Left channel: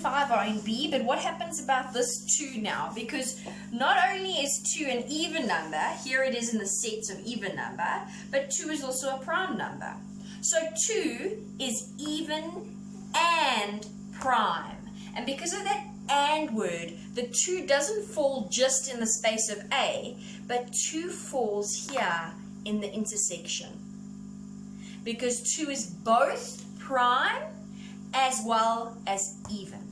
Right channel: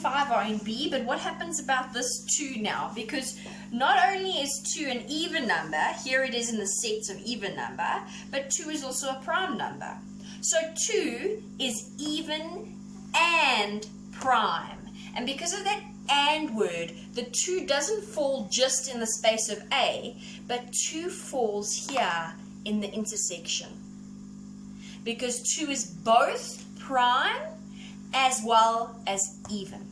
5 are in B, but what happens about this 2 now? Because not only is 2 an even number, here it is in the sets of even number, but 2 is also a prime number. So 2 is even and prime. And because of that and word, the 2 doesn't fall just in the space of A, but 2 falls here in the intersection. Because 2 is both prime as well as even.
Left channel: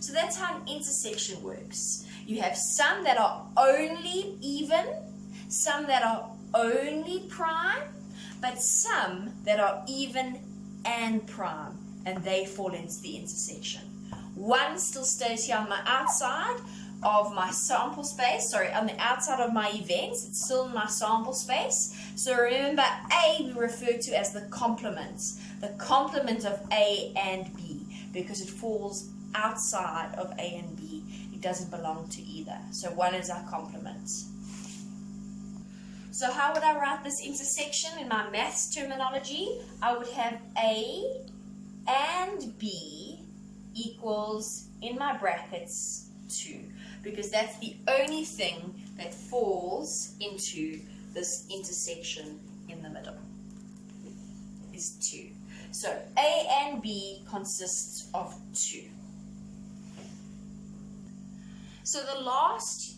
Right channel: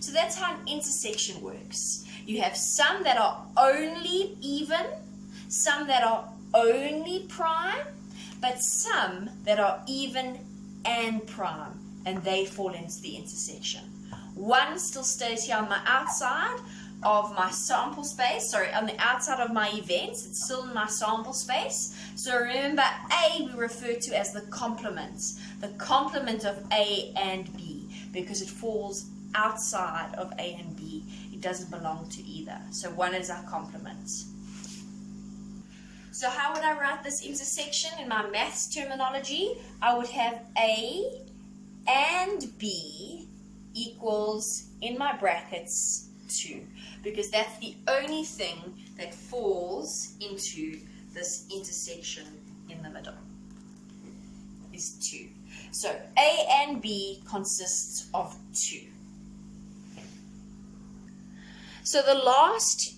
So that's how an intersection works. You have some that are only even, some that are only prime, but some that are even and prime, and they fall into the intersection. 1 still stays here on my outside of my sample space, on the outside of my events, it's still in my sample space. So remember, A we refer to as the complement of A and B, because it falls outside of A and B. It doesn't belong to either. So 1 is our complement. So how would I write this intersection in my maths terminology? I would have A and B equals, in my brackets, 2, because that's the only thing that falls into this intersection in the middle, is 2. So A and B consists of 2. So the last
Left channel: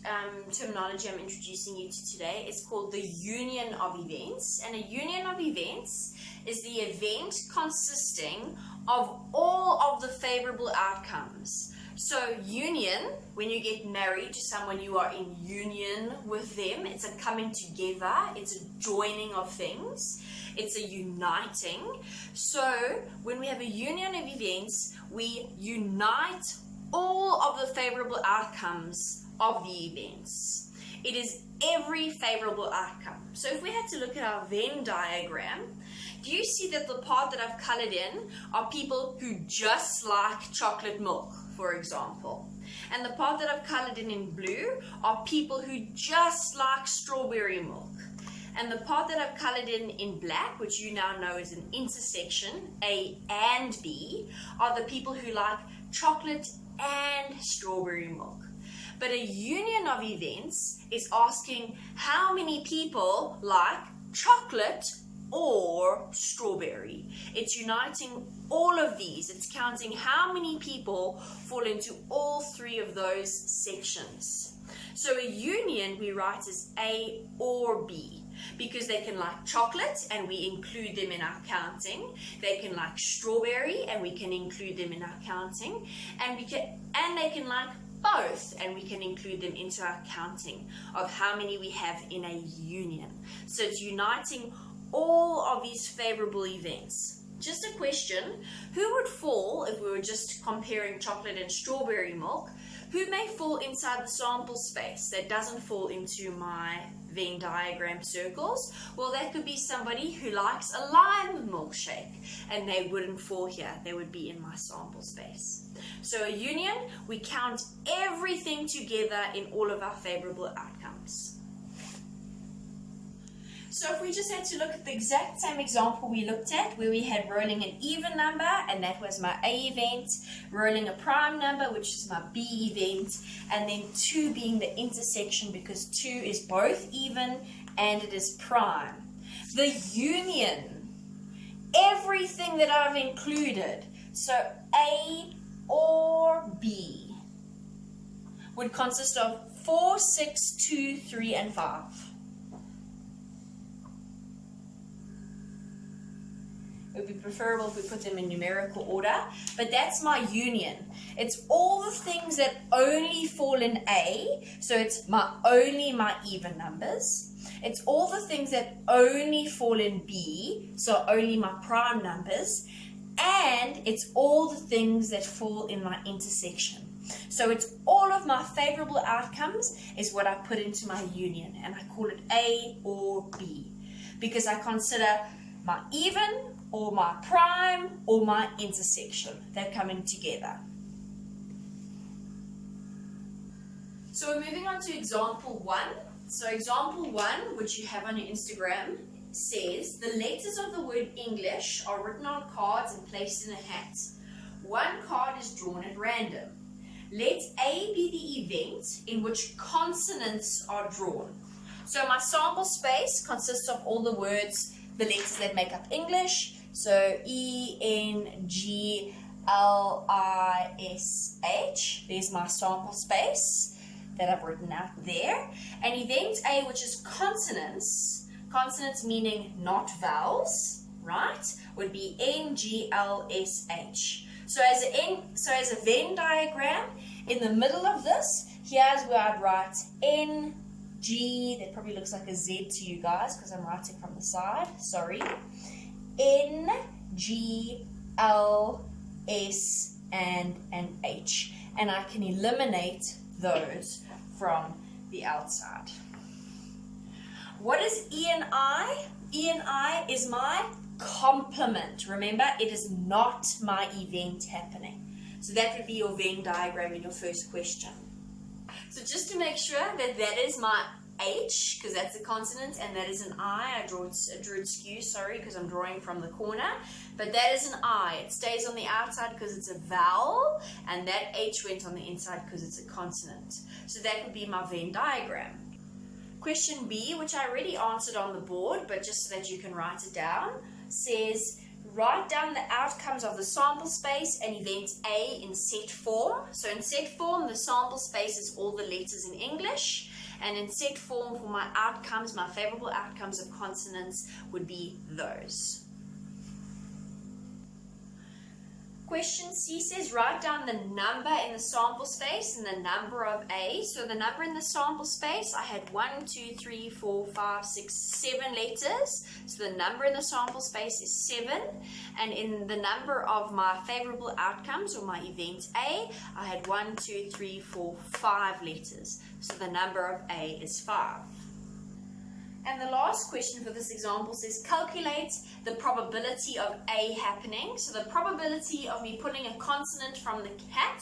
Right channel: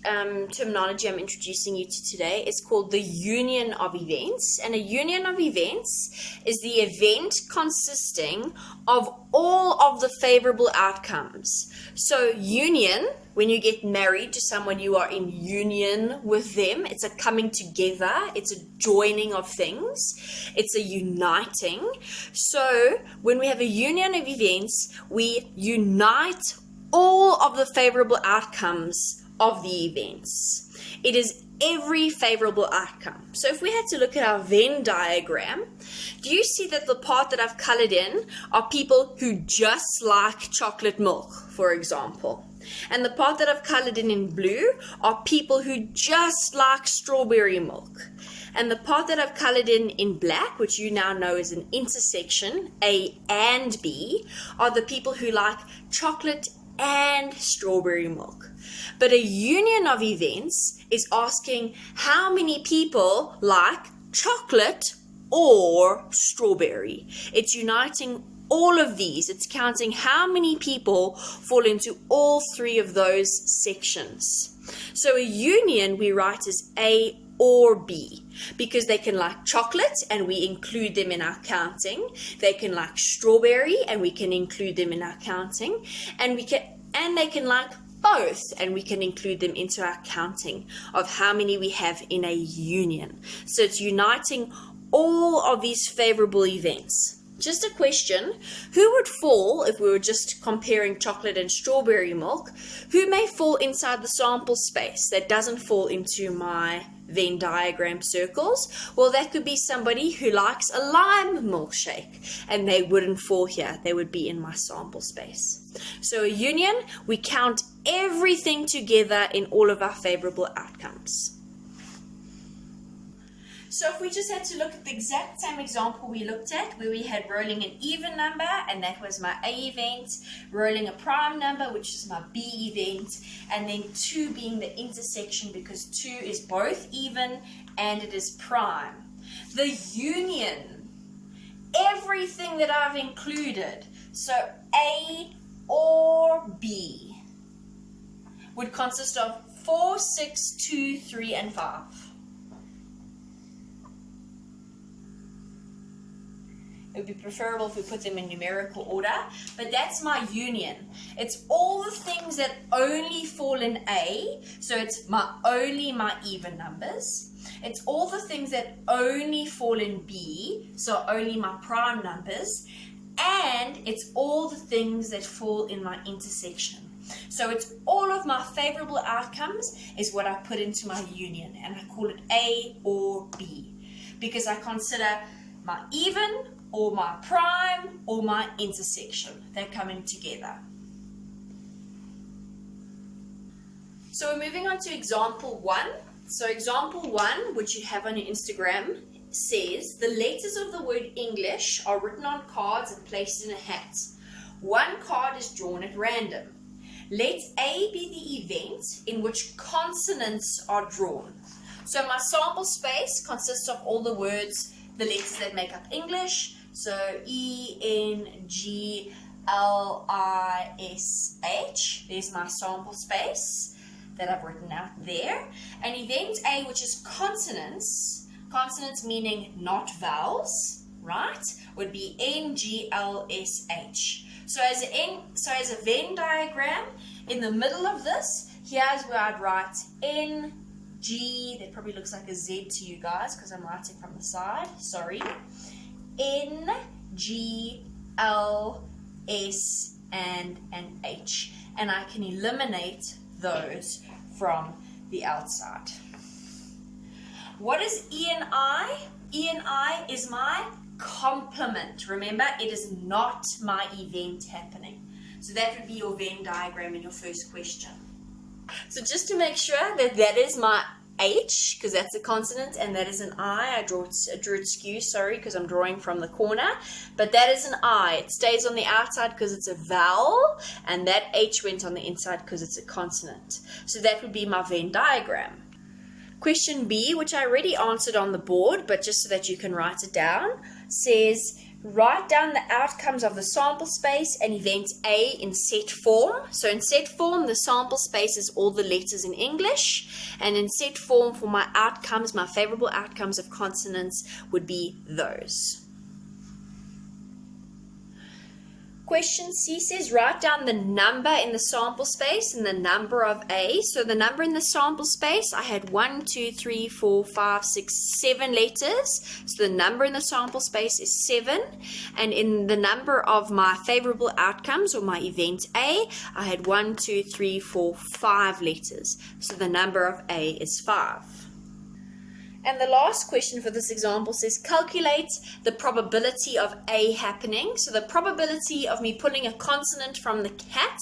terminology I'm introducing you to today is called the union of events. And a union of events is the event consisting of all of the favorable outcomes. So union, when you get married to someone, you are in union with them. It's a coming together. It's a joining of things. It's a uniting. So when we have a union of events, we unite all of the favorable outcomes of the events. It is every favorable outcome. So if we had to look at our Venn diagram, do you see that the part that I've colored in are people who just like chocolate milk, for example? And the part that I've colored in blue are people who just like strawberry milk. And the part that I've colored in black, which you now know is an intersection, A and B, are the people who like chocolate and strawberry milk. But a union of events is asking how many people like chocolate or strawberry. It's uniting all of these. It's counting how many people fall into all 3 of those sections. So a union we write as A or B, because they can like chocolate and we include them in our counting. They can like strawberry and we can include them in our counting. And they can like both and we can include them into our counting of how many we have in a union. So it's uniting all of these favorable events. Just a question, who would fall, if we were just comparing chocolate and strawberry milk, who may fall inside the sample space that doesn't fall into my Venn diagram circles? Well, that could be somebody who likes a lime milkshake, and they wouldn't fall here. They would be in my sample space. So a union, we count everything together in all of our favorable outcomes. So if we just had to look at the exact same example we looked at, where we had rolling an even number, and that was my A event, rolling a prime number, which is my B event, and then 2 being the intersection, because 2 is both even and it is prime. The union, everything that I've included, so A or B, would consist of 4, 6, 2, 3, and 5. It would be preferable if we put them in numerical order, but that's my union. It's all the things that only fall in A, so it's only my even numbers. It's all the things that only fall in B, so only my prime numbers. And it's all the things that fall in my intersection. So it's all of my favorable outcomes is what I put into my union, and I call it A or B, because I consider my even or my prime or my intersection. They're coming together. So we're moving on to example 1. So example 1, which you have on your Instagram, says the letters of the word English are written on cards and placed in a hat. One card is drawn at random. Let A be the event in which consonants are drawn. So my sample space consists of all the words, the letters that make up English. So E-N-G-L-I-S-H. There's my sample space that I've written out there. And event A, which is consonants, consonants meaning not vowels, right, would be N-G-L-S-H. So as a Venn diagram, in the middle of this, here's where I'd write N-G, that probably looks like a Z to you guys because I'm writing from the side, sorry, N-G-L-S and an H. And I can eliminate those from the outside. What is E and I? E and I is my complement. Remember, it is not my event happening. So that would be your Venn diagram in your first question. So just to make sure that that is my H, because that's a consonant, and that is an I. I drew it skew, sorry, because I'm drawing from the corner. But that is an I. It stays on the outside because it's a vowel, and that H went on the inside because it's a consonant. So that would be my Venn diagram. Question B, which I already answered on the board, but just so that you can write it down, says write down the outcomes of the sample space and event A in set form. So in set form, the sample space is all the letters in English, and in set form for my outcomes, my favorable outcomes of consonants would be those. Question C says write down the number in the sample space and the number of A. So the number in the sample space, I had 1, 2, 3, 4, 5, 6, 7 letters. So the number in the sample space is 7. And in the number of my favorable outcomes or my event A, I had 1, 2, 3, 4, 5 letters. So the number of A is 5. And the last question for this example says calculate the probability of A happening. So the probability of me pulling a consonant from the cat,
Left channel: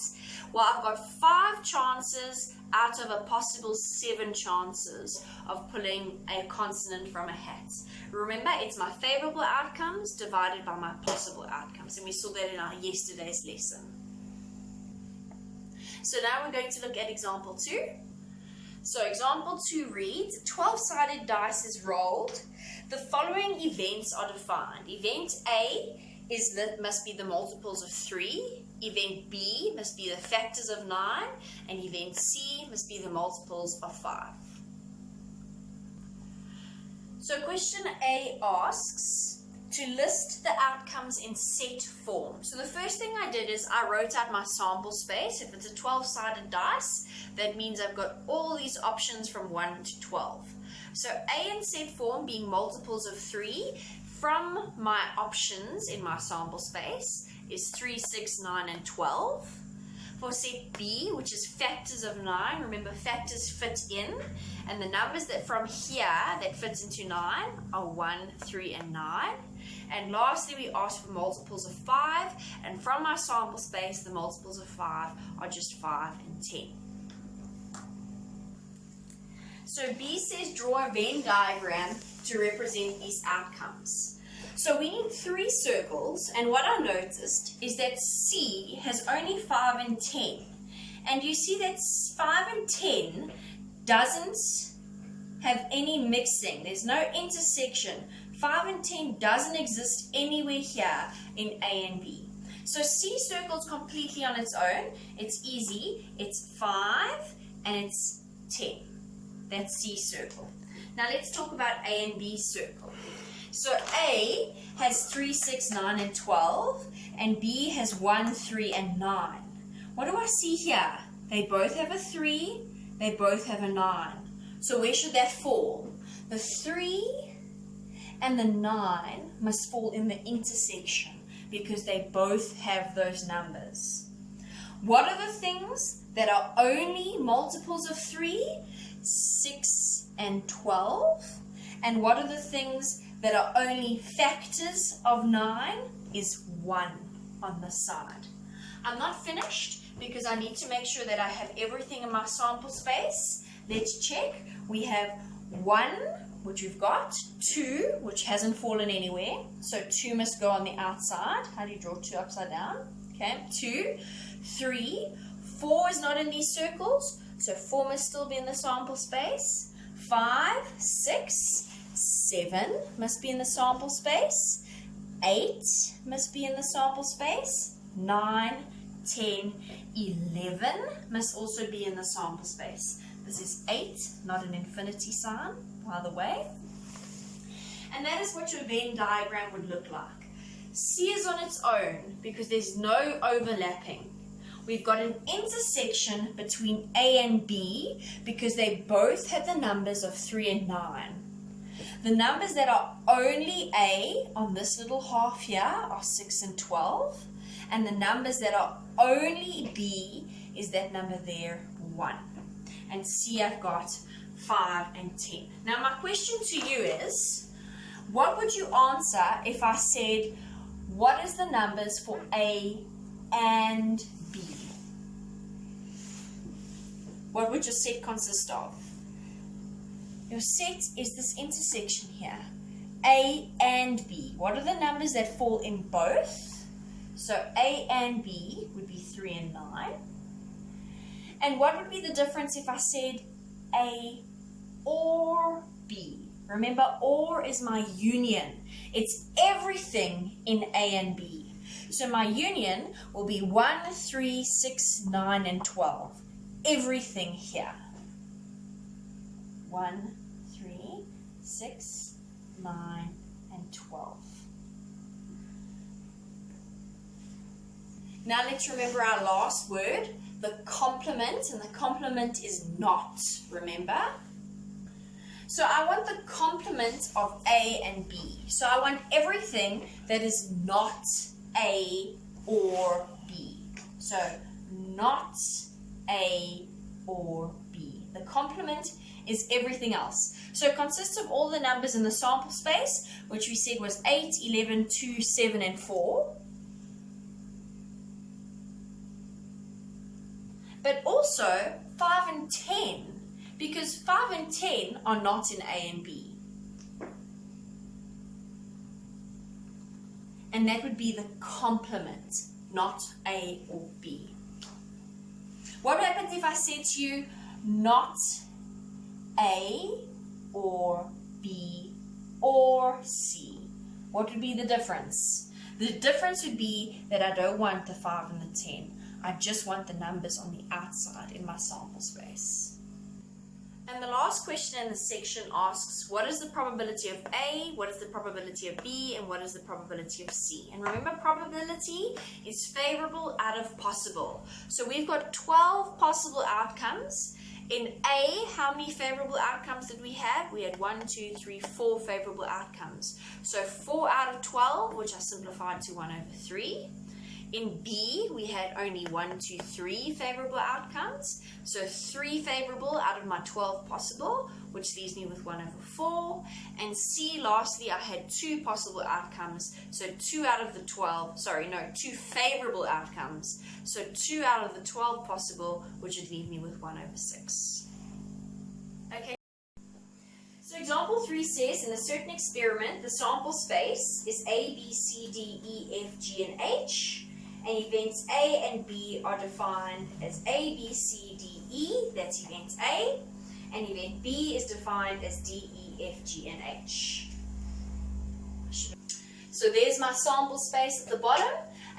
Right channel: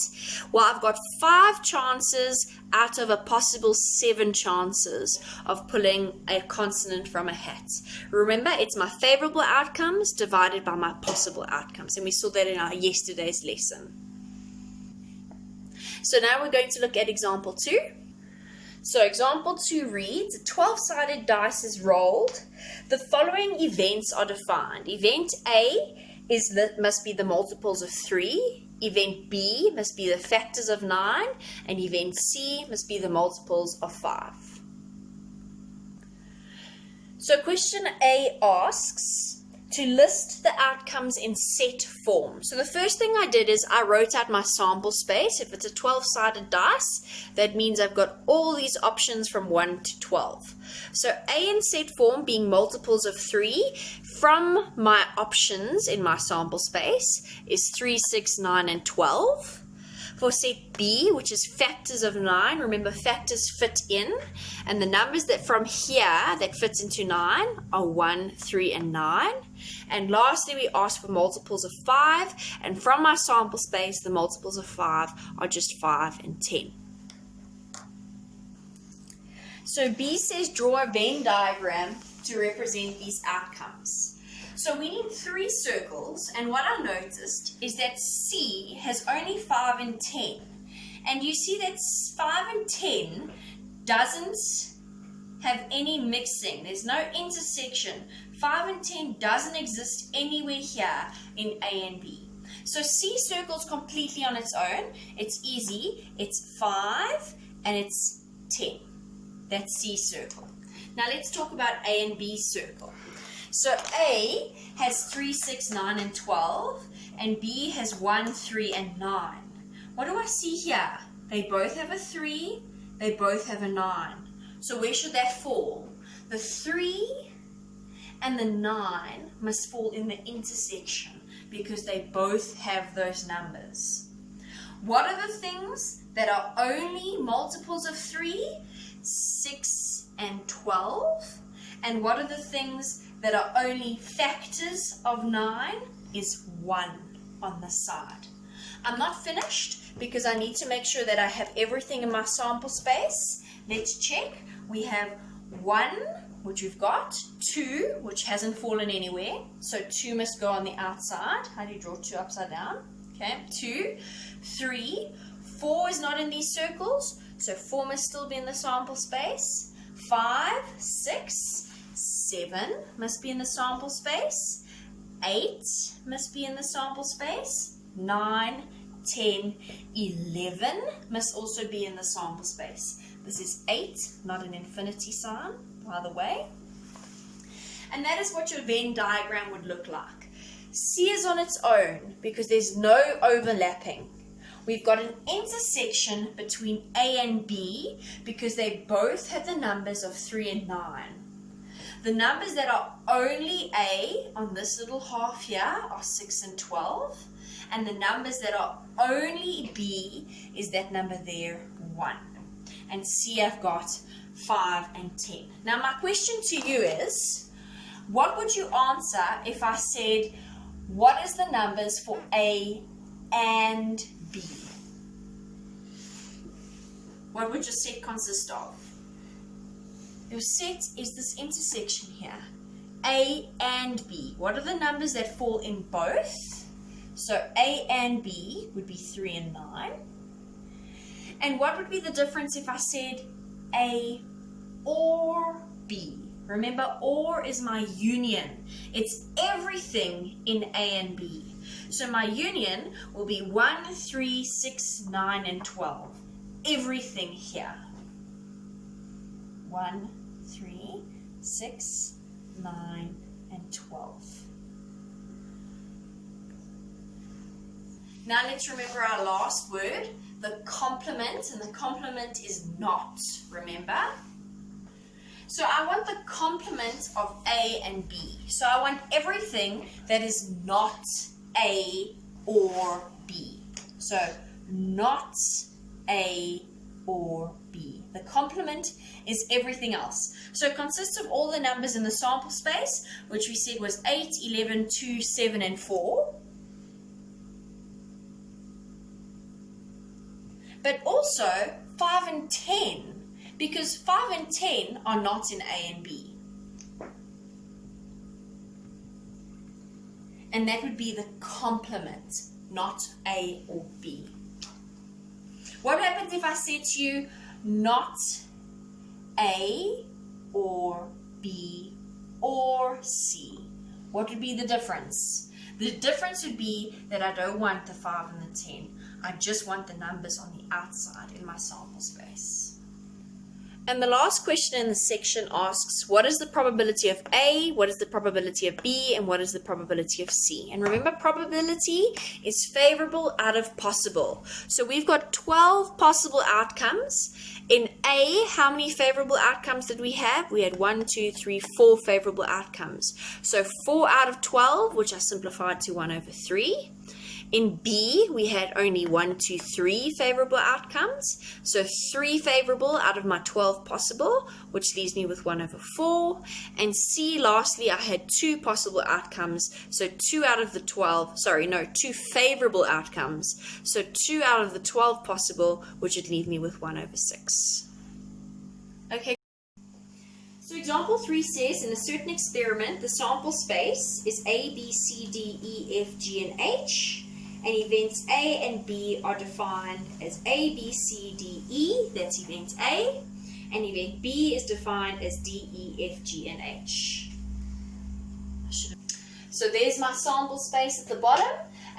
well, I've got 5 chances out of a possible 7 chances of pulling a consonant from a hat. Remember, it's my favorable outcomes divided by my possible outcomes. And we saw that in our yesterday's lesson. So now we're going to look at example 2. So example 2 reads, a 12-sided dice is rolled. The following events are defined. Event A must be the multiples of 3. Event B must be the factors of 9. And event C must be the multiples of 5. So question A asks to list the outcomes in set form. So the first thing I did is I wrote out my sample space. If it's a 12-sided dice, that means I've got all these options from 1 to 12. So A in set form being multiples of 3, from my options in my sample space is 3, 6, 9, and 12. For set B, which is factors of 9, remember factors fit in, and the numbers that from here that fits into 9 are 1, 3, and 9. And lastly, we ask for multiples of 5, and from my sample space, the multiples of 5 are just 5 and 10. So B says draw a Venn diagram to represent these outcomes. So we need 3 circles, and what I noticed is that C has only 5 and 10. And you see that 5 and 10 doesn't have any mixing. There's no intersection. 5 and 10 doesn't exist anywhere here in A and B. So C circles completely on its own. It's easy. It's 5 and it's 10. That's C circle. Now let's talk about A and B circle. So A has 3, 6, 9, and 12, and B has 1, 3, and 9. What do I see here? They both have a 3, they both have a 9. So where should that fall? The 3 and the 9 must fall in the intersection because they both have those numbers. What are the things that are only multiples of 3? 6 and 12. And what are the things that are only factors of 9? Is 1 on the side. I'm not finished because I need to make sure that I have everything in my sample space. Let's check. We have 1, which we've got, 2, which hasn't fallen anywhere. So 2 must go on the outside. How do you draw 2 upside down? Okay, 2, 3, 4 is not in these circles, so 4 must still be in the sample space. 5, 6, 7 must be in the sample space. 8 must be in the sample space. 9, 10, 11 must also be in the sample space. This is 8, not an infinity sign, by the way. And that is what your Venn diagram would look like. C is on its own because there's no overlapping. We've got an intersection between A and B because they both have the numbers of 3 and 9. The numbers that are only A on this little half here are 6 and 12. And the numbers that are only B is that number there, 1. And C I've got 5 and 10. Now my question to you is, what would you answer if I said, what is the numbers for A and B? What would your set consist of? Your set is this intersection here, A and B. What are the numbers that fall in both? So A and B would be 3 and 9. And what would be the difference if I said A or B? Remember, or is my union. It's everything in A and B. So my union will be 1, 3, 6, 9, and 12. Everything here. 1, 3, 6, 9, and 12. Now let's remember our last word, the complement, and the complement is not, remember? So I want the complement of A and B. So I want everything that is not A or B. So not A or B. The complement is everything else. So it consists of all the numbers in the sample space, which we said was 8, 11, 2, 7, and 4. But also 5 and 10. Because 5 and 10 are not in A and B. And that would be the complement, not A or B. What happens if I said to you, not A or B or C? What would be the difference? The difference would be that I don't want the 5 and the 10. I just want the numbers on the outside in my sample space. And the last question in the section asks, what is the probability of A, what is the probability of B, and what is the probability of C? And remember, probability is favorable out of possible. So we've got 12 possible outcomes. In A, how many favorable outcomes did we have? We had 1, 2, 3, 4 favorable outcomes. So 4 out of 12, which I simplified to 1 over 3. In B, we had only 1, 2, 3 favorable outcomes. So 3 favorable out of my 12 possible, which leaves me with 1 over 4. And C, lastly, I had 2 possible outcomes. So 2 out of the 12, 2 favorable outcomes. So 2 out of the 12 possible, which would leave me with 1 over 6. Okay. So example 3 says, in a certain experiment, the sample space is A, B, C, D, E, F, G, and H. And events A and B are defined as A, B, C, D, E, that's event A. And event B is defined as D, E, F, G, and H. So there's my sample space at the bottom,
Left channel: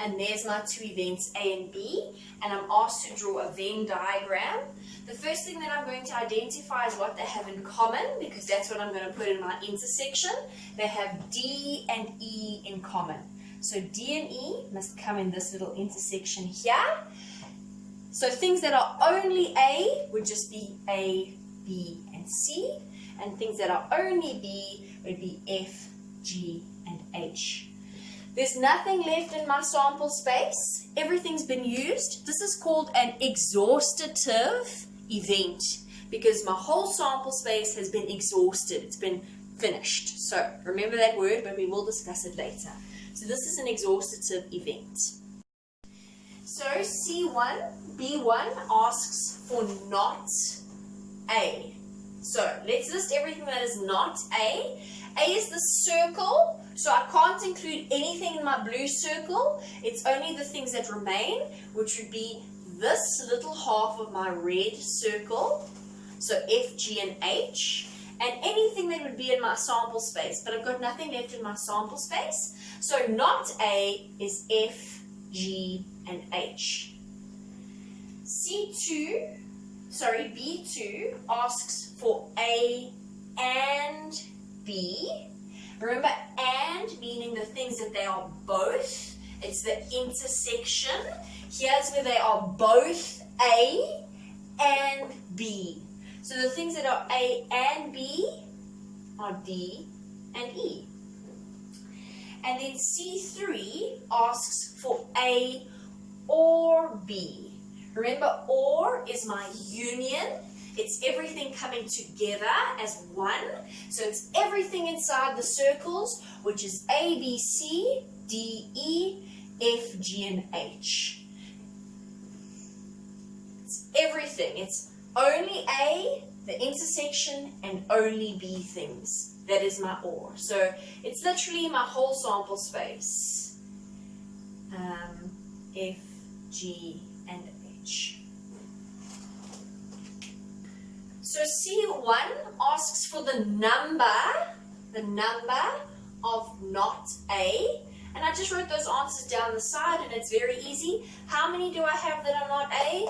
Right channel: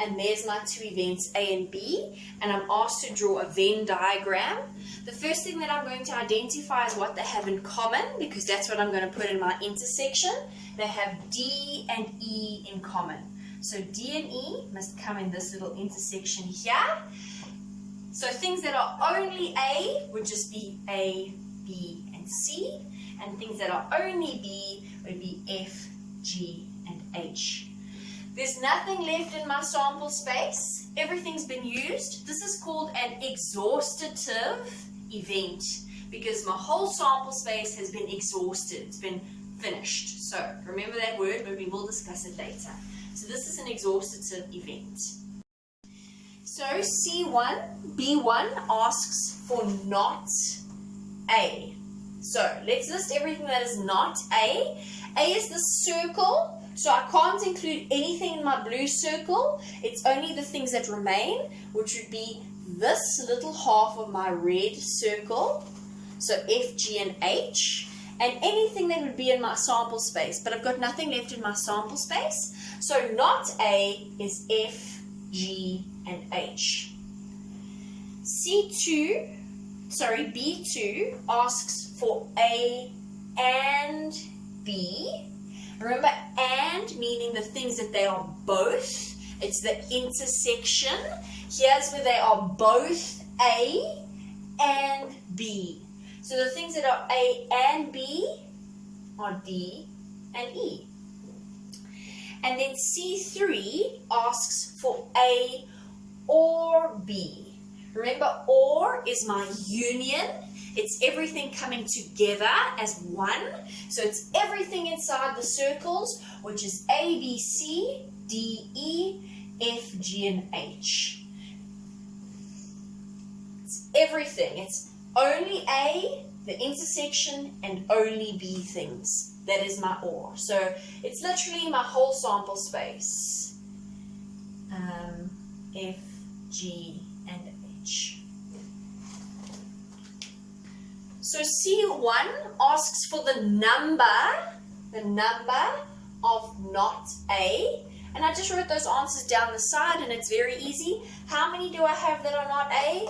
and there's my 2 events A and B, and I'm asked to draw a Venn diagram. The first thing that I'm going to identify is what they have in common, because that's what I'm going to put in my intersection. They have D and E in common. So D and E must come in this little intersection here. So things that are only A would just be A, B, and C. And things that are only B would be F, G, and H. There's nothing left in my sample space. Everything's been used. This is called an exhaustive event because my whole sample space has been exhausted. It's been finished. So remember that word, but we will discuss it later. So this is an exhaustive event. So C1, B1 asks for not A. So let's list everything that is not A. A is the circle So I can't include anything in my blue circle. It's only the things that remain, which would be this little half of my red circle. So F, G, and H. And anything that would be in my sample space. But I've got nothing left in my sample space. So not A is F, G, and H. B2 asks for A and B. Remember, and meaning the things that they are both. It's the intersection. Here's where they are both A and B. So the things that are A and B are D and E. And then C3 asks for A or B. Remember, or is my union. It's everything coming together as one. So it's everything inside the circles, which is A, B, C, D, E, F, G, and H. It's everything. It's only A, the intersection, and only B things. That is my or. So it's literally my whole sample space. F, G, and H. So C1 asks for the number of not A. And I just wrote those answers down the side, and it's very easy. How many do I have that are not A?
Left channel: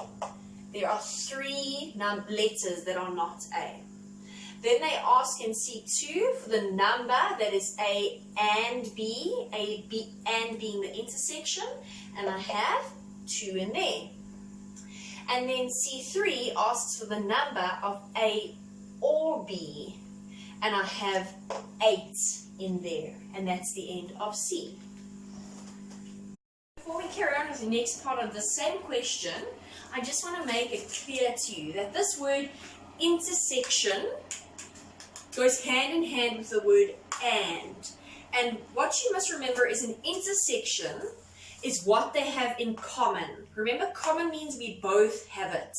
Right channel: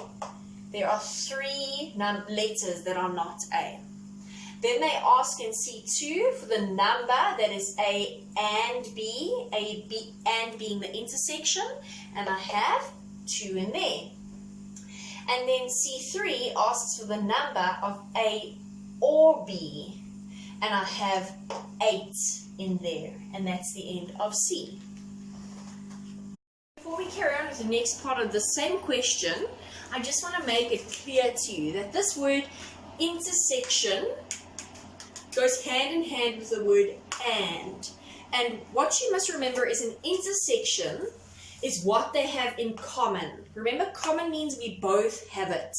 There are 3 letters that are not A. Then they ask in C2 for the number that is A and B, B and being the intersection, and I have 2 in there. And then C3 asks for the number of A or B, and I have 8 in there, and that's the end of C. Before we carry on with the next part of the same question, I just want to make it clear to you that this word intersection goes hand in hand with the word and. And what you must remember is an intersection is what they have in common. Remember, common means we both have it.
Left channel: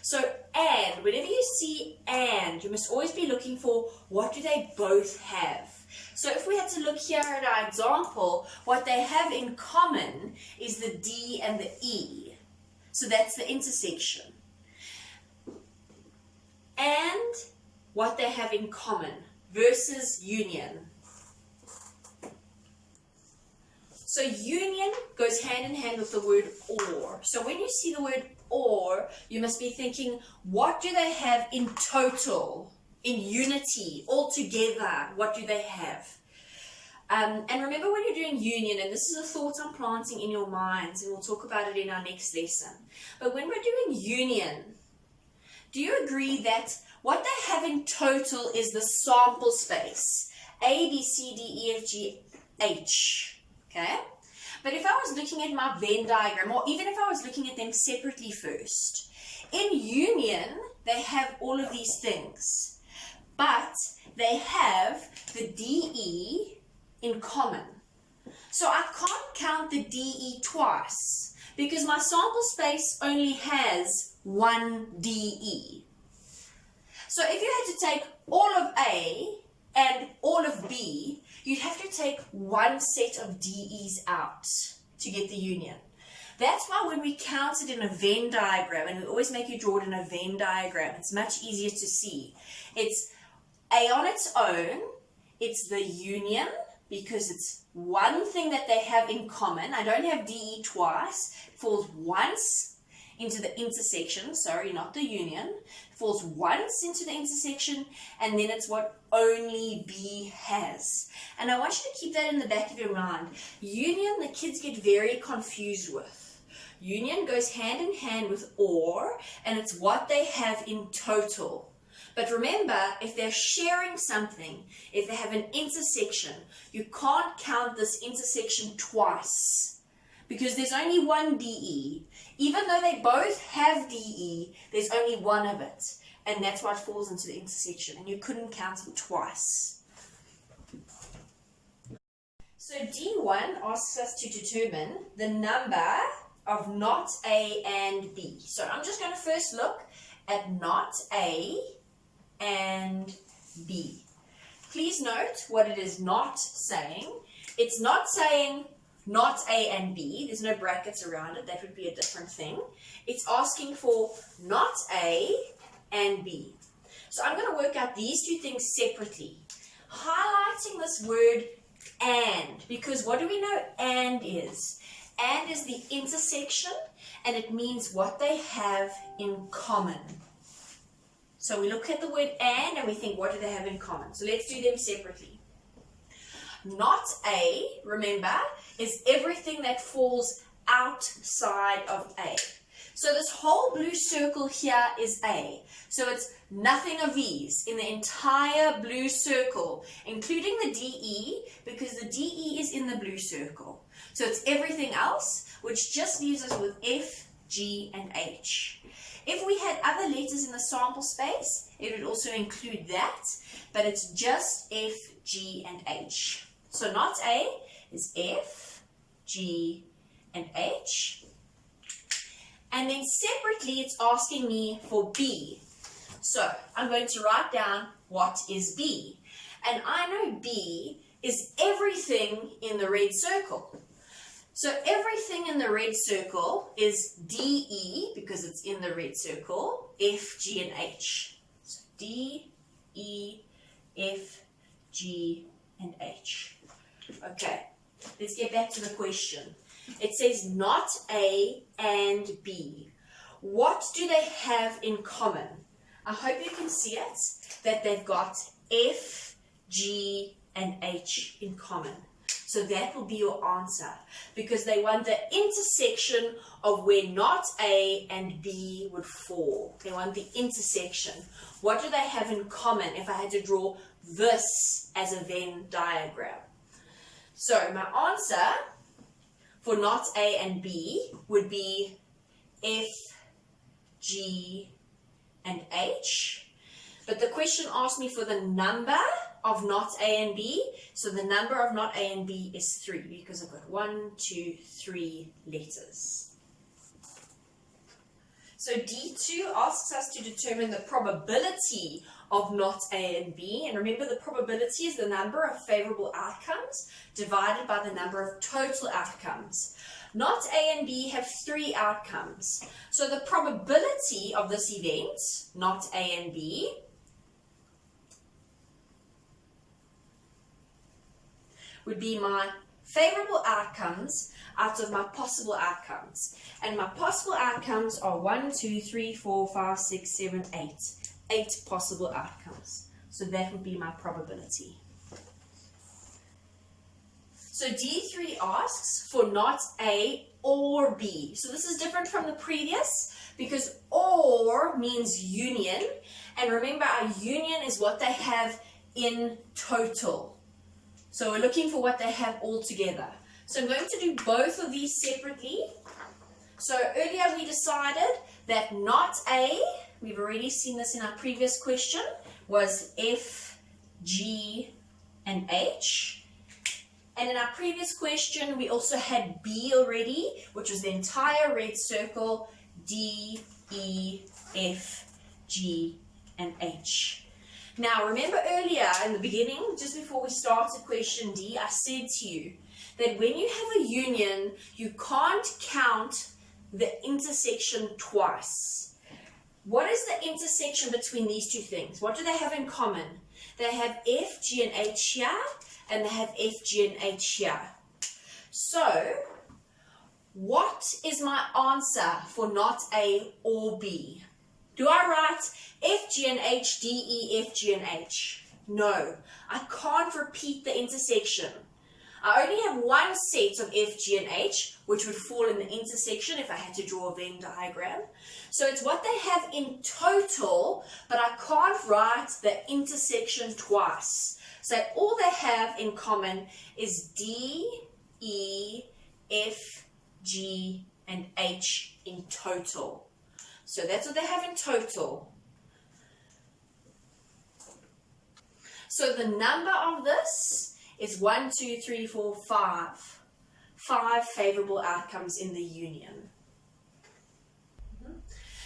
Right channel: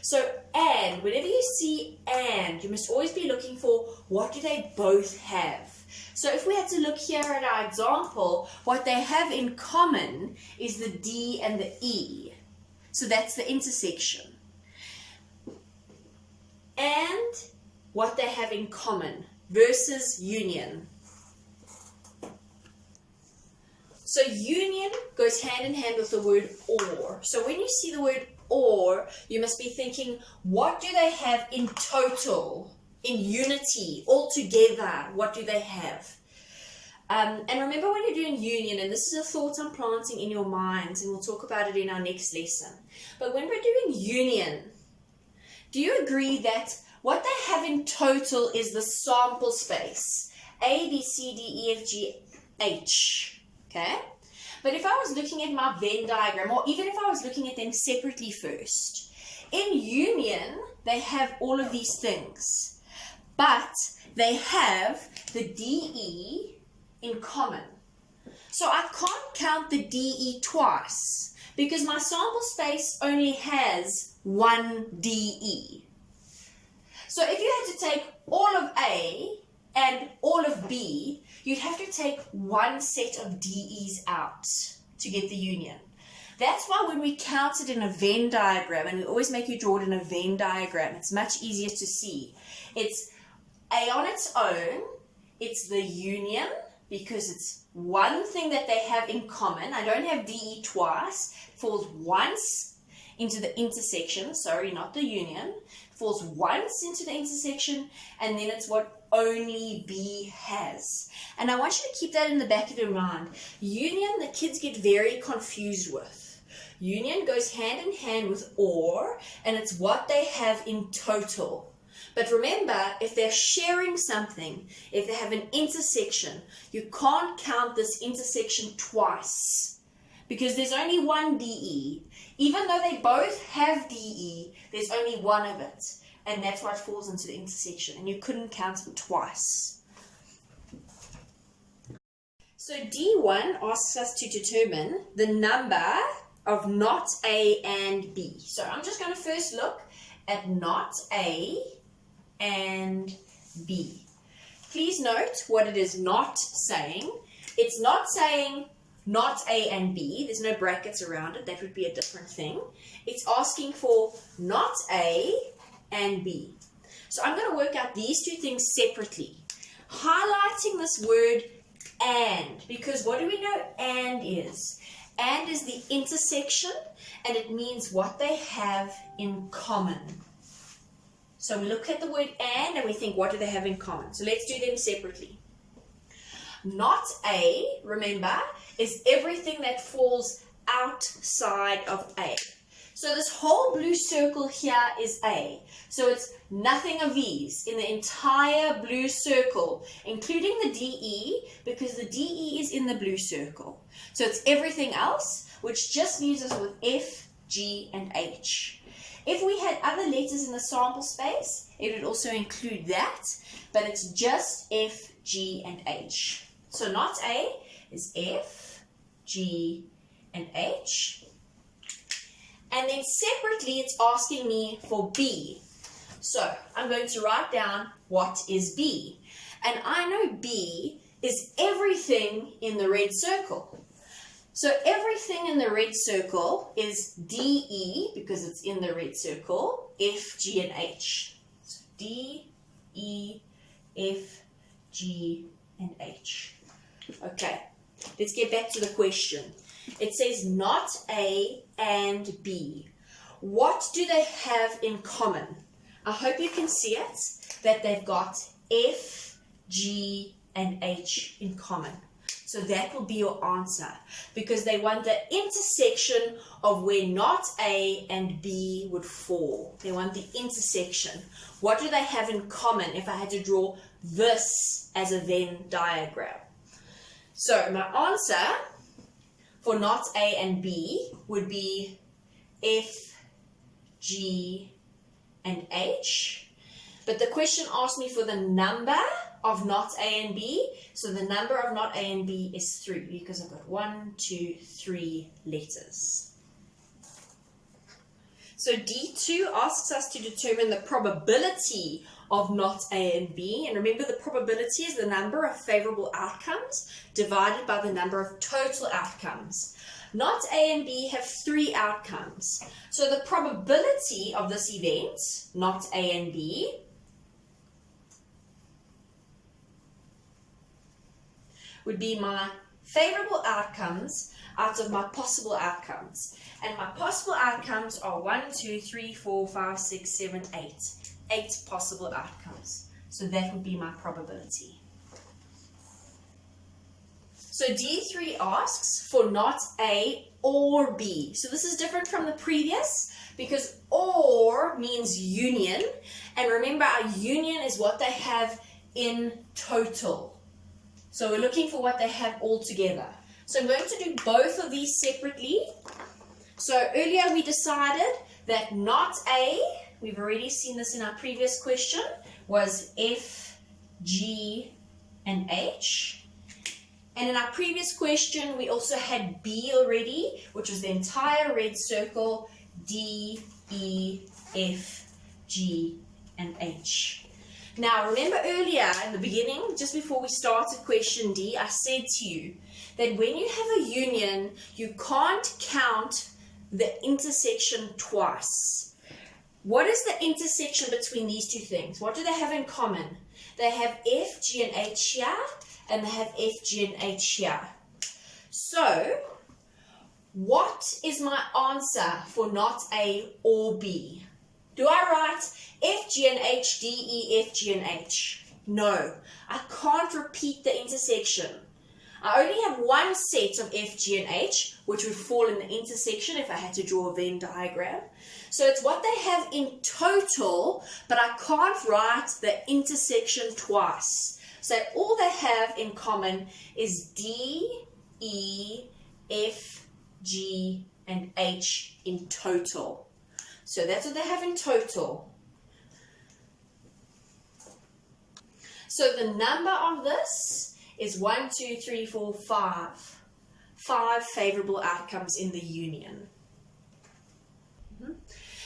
So and, whenever you see and, you must always be looking for what do they both have. So if we had to look here at our example, what they have in common is the D and the E. So that's the intersection. And what they have in common versus union. So union goes hand in hand with the word or. So when you see the word or, you must be thinking, what do they have in total, in unity, all together? What do they have? And remember when you're doing union, and this is a thought I'm planting in your minds, and we'll talk about it in our next lesson. But when we're doing union, do you agree that what they have in total is the sample space? A, B, C, D, E, F, G, H. Okay? But if I was looking at my Venn diagram, or even if I was looking at them separately first, in union, they have all of these things. But they have the DE in common. So I can't count the DE twice because my sample space only has one DE. So if you had to take all of A and all of B, you'd have to take one set of DEs out to get the union. That's why when we count it in a Venn diagram, and we always make you draw it in a Venn diagram, it's much easier to see. It's A on its own, it's the union, because it's one thing that they have in common. I don't have DE twice. It falls once into the intersection, sorry, not the union. It falls once into the intersection, and then it's what only B has. And I want you to keep that in the back of your mind. Union, the kids get very confused with. Union goes hand in hand with or, and it's what they have in total. But remember, if they're sharing something, if they have an intersection, you can't count this intersection twice because there's only one DE. Even though they both have DE, there's only one of it. And that's why it falls into the intersection. And you couldn't count them twice. So D1 asks us to determine the number of not A and B. So I'm just going to first look at not A and B. please note what it is not saying. It's not saying not A and B. There's no brackets around it. That would be a different thing. It's asking for not A and B. So I'm going to work out these two things separately. Highlighting this word and, because what do we know and is? And is the intersection, and it means what they have in common. So we look at the word and we think, what do they have in common? So let's do them separately. Not A, remember, is everything that falls outside of A. So this whole blue circle here is A. So it's nothing of these in the entire blue circle, including the DE, because the DE is in the blue circle. So it's everything else, which just leaves us with F, G, and H. If we had other letters in the sample space, it would also include that, but it's just F, G, and H. So not A is F, G, and H. And then separately, it's asking me for B. So I'm going to write down what is B. And I know B is everything in the red circle. So everything in the red circle is DE, because it's in the red circle, F, G, and H. So D, E, F, G, and H. Okay, let's get back to the question. It says not A and B. What do they have in common? I hope you can see it, that they've got F, G, and H in common. So that will be your answer, because they want the intersection of where not A and B would fall. They want the intersection. What do they have in common if I had to draw this as a Venn diagram? So my answer for not A and B would be F, G, and H. But the question asked me for the number of not A and B. So the number of not A and B is 3, because I've got 1, 2, 3 letters. So D2 asks us to determine the probability of not A and B. And remember, the probability is the number of favorable outcomes divided by the number of total outcomes. Not A and B have 3 outcomes. So the probability of this event, not A and B, would be my favorable outcomes out of my possible outcomes. And my possible outcomes are 1, 2, 3, 4, 5, 6, 7, 8. 8 possible outcomes. So that would be my probability. So D3 asks for not A or B. So this is different from the previous, because or means union. And remember, our union is what they have in total. So we're looking for what they have all together. So I'm going to do both of these separately. So earlier we decided that not A, we've already seen this in our previous question, was F, G, and H. And in our previous question, we also had B already, which was the entire red circle, D, E, F, G, and H. Now, remember earlier in the beginning, just before we started question D, I said to you that when you have a union, you can't count the intersection twice. What is the intersection between these two things? What do they have in common? They have F, G, and H here, and they have F, G, and H here. So, what is my answer for not A or B? Do I write F, G, and H, D, E, F, G, and H? No, I can't repeat the intersection. I only have one set of F, G, and H, which would fall in the intersection if I had to draw a Venn diagram. So it's what they have in total, but I can't write the intersection twice. So all they have in common is D, E, F, G, and H in total. So that's what they have in total. So the number of this is 1, 2, 3, 4, 5. 5 favorable outcomes in the union.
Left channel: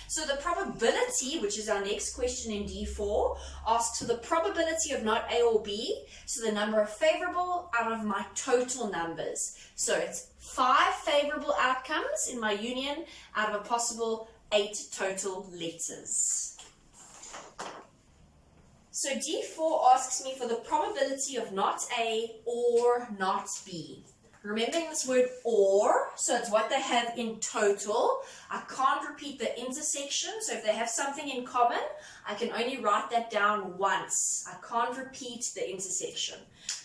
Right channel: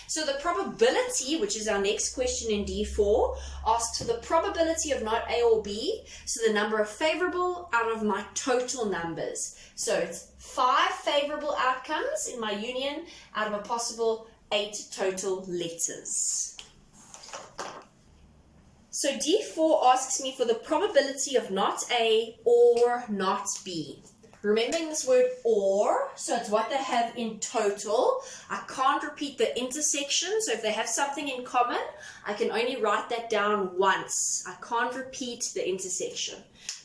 So the probability, which is our next question in D4, asks for the probability of not A or B, so the number of favorable out of my total numbers. So it's 5 favorable outcomes in my union out of a possible 8 total letters. So D4 asks me for the probability of not A or not B. Remembering this word or, so it's what they have in total. I can't repeat the intersection, so if they have something in common, I can only write that down once. I can't repeat the intersection,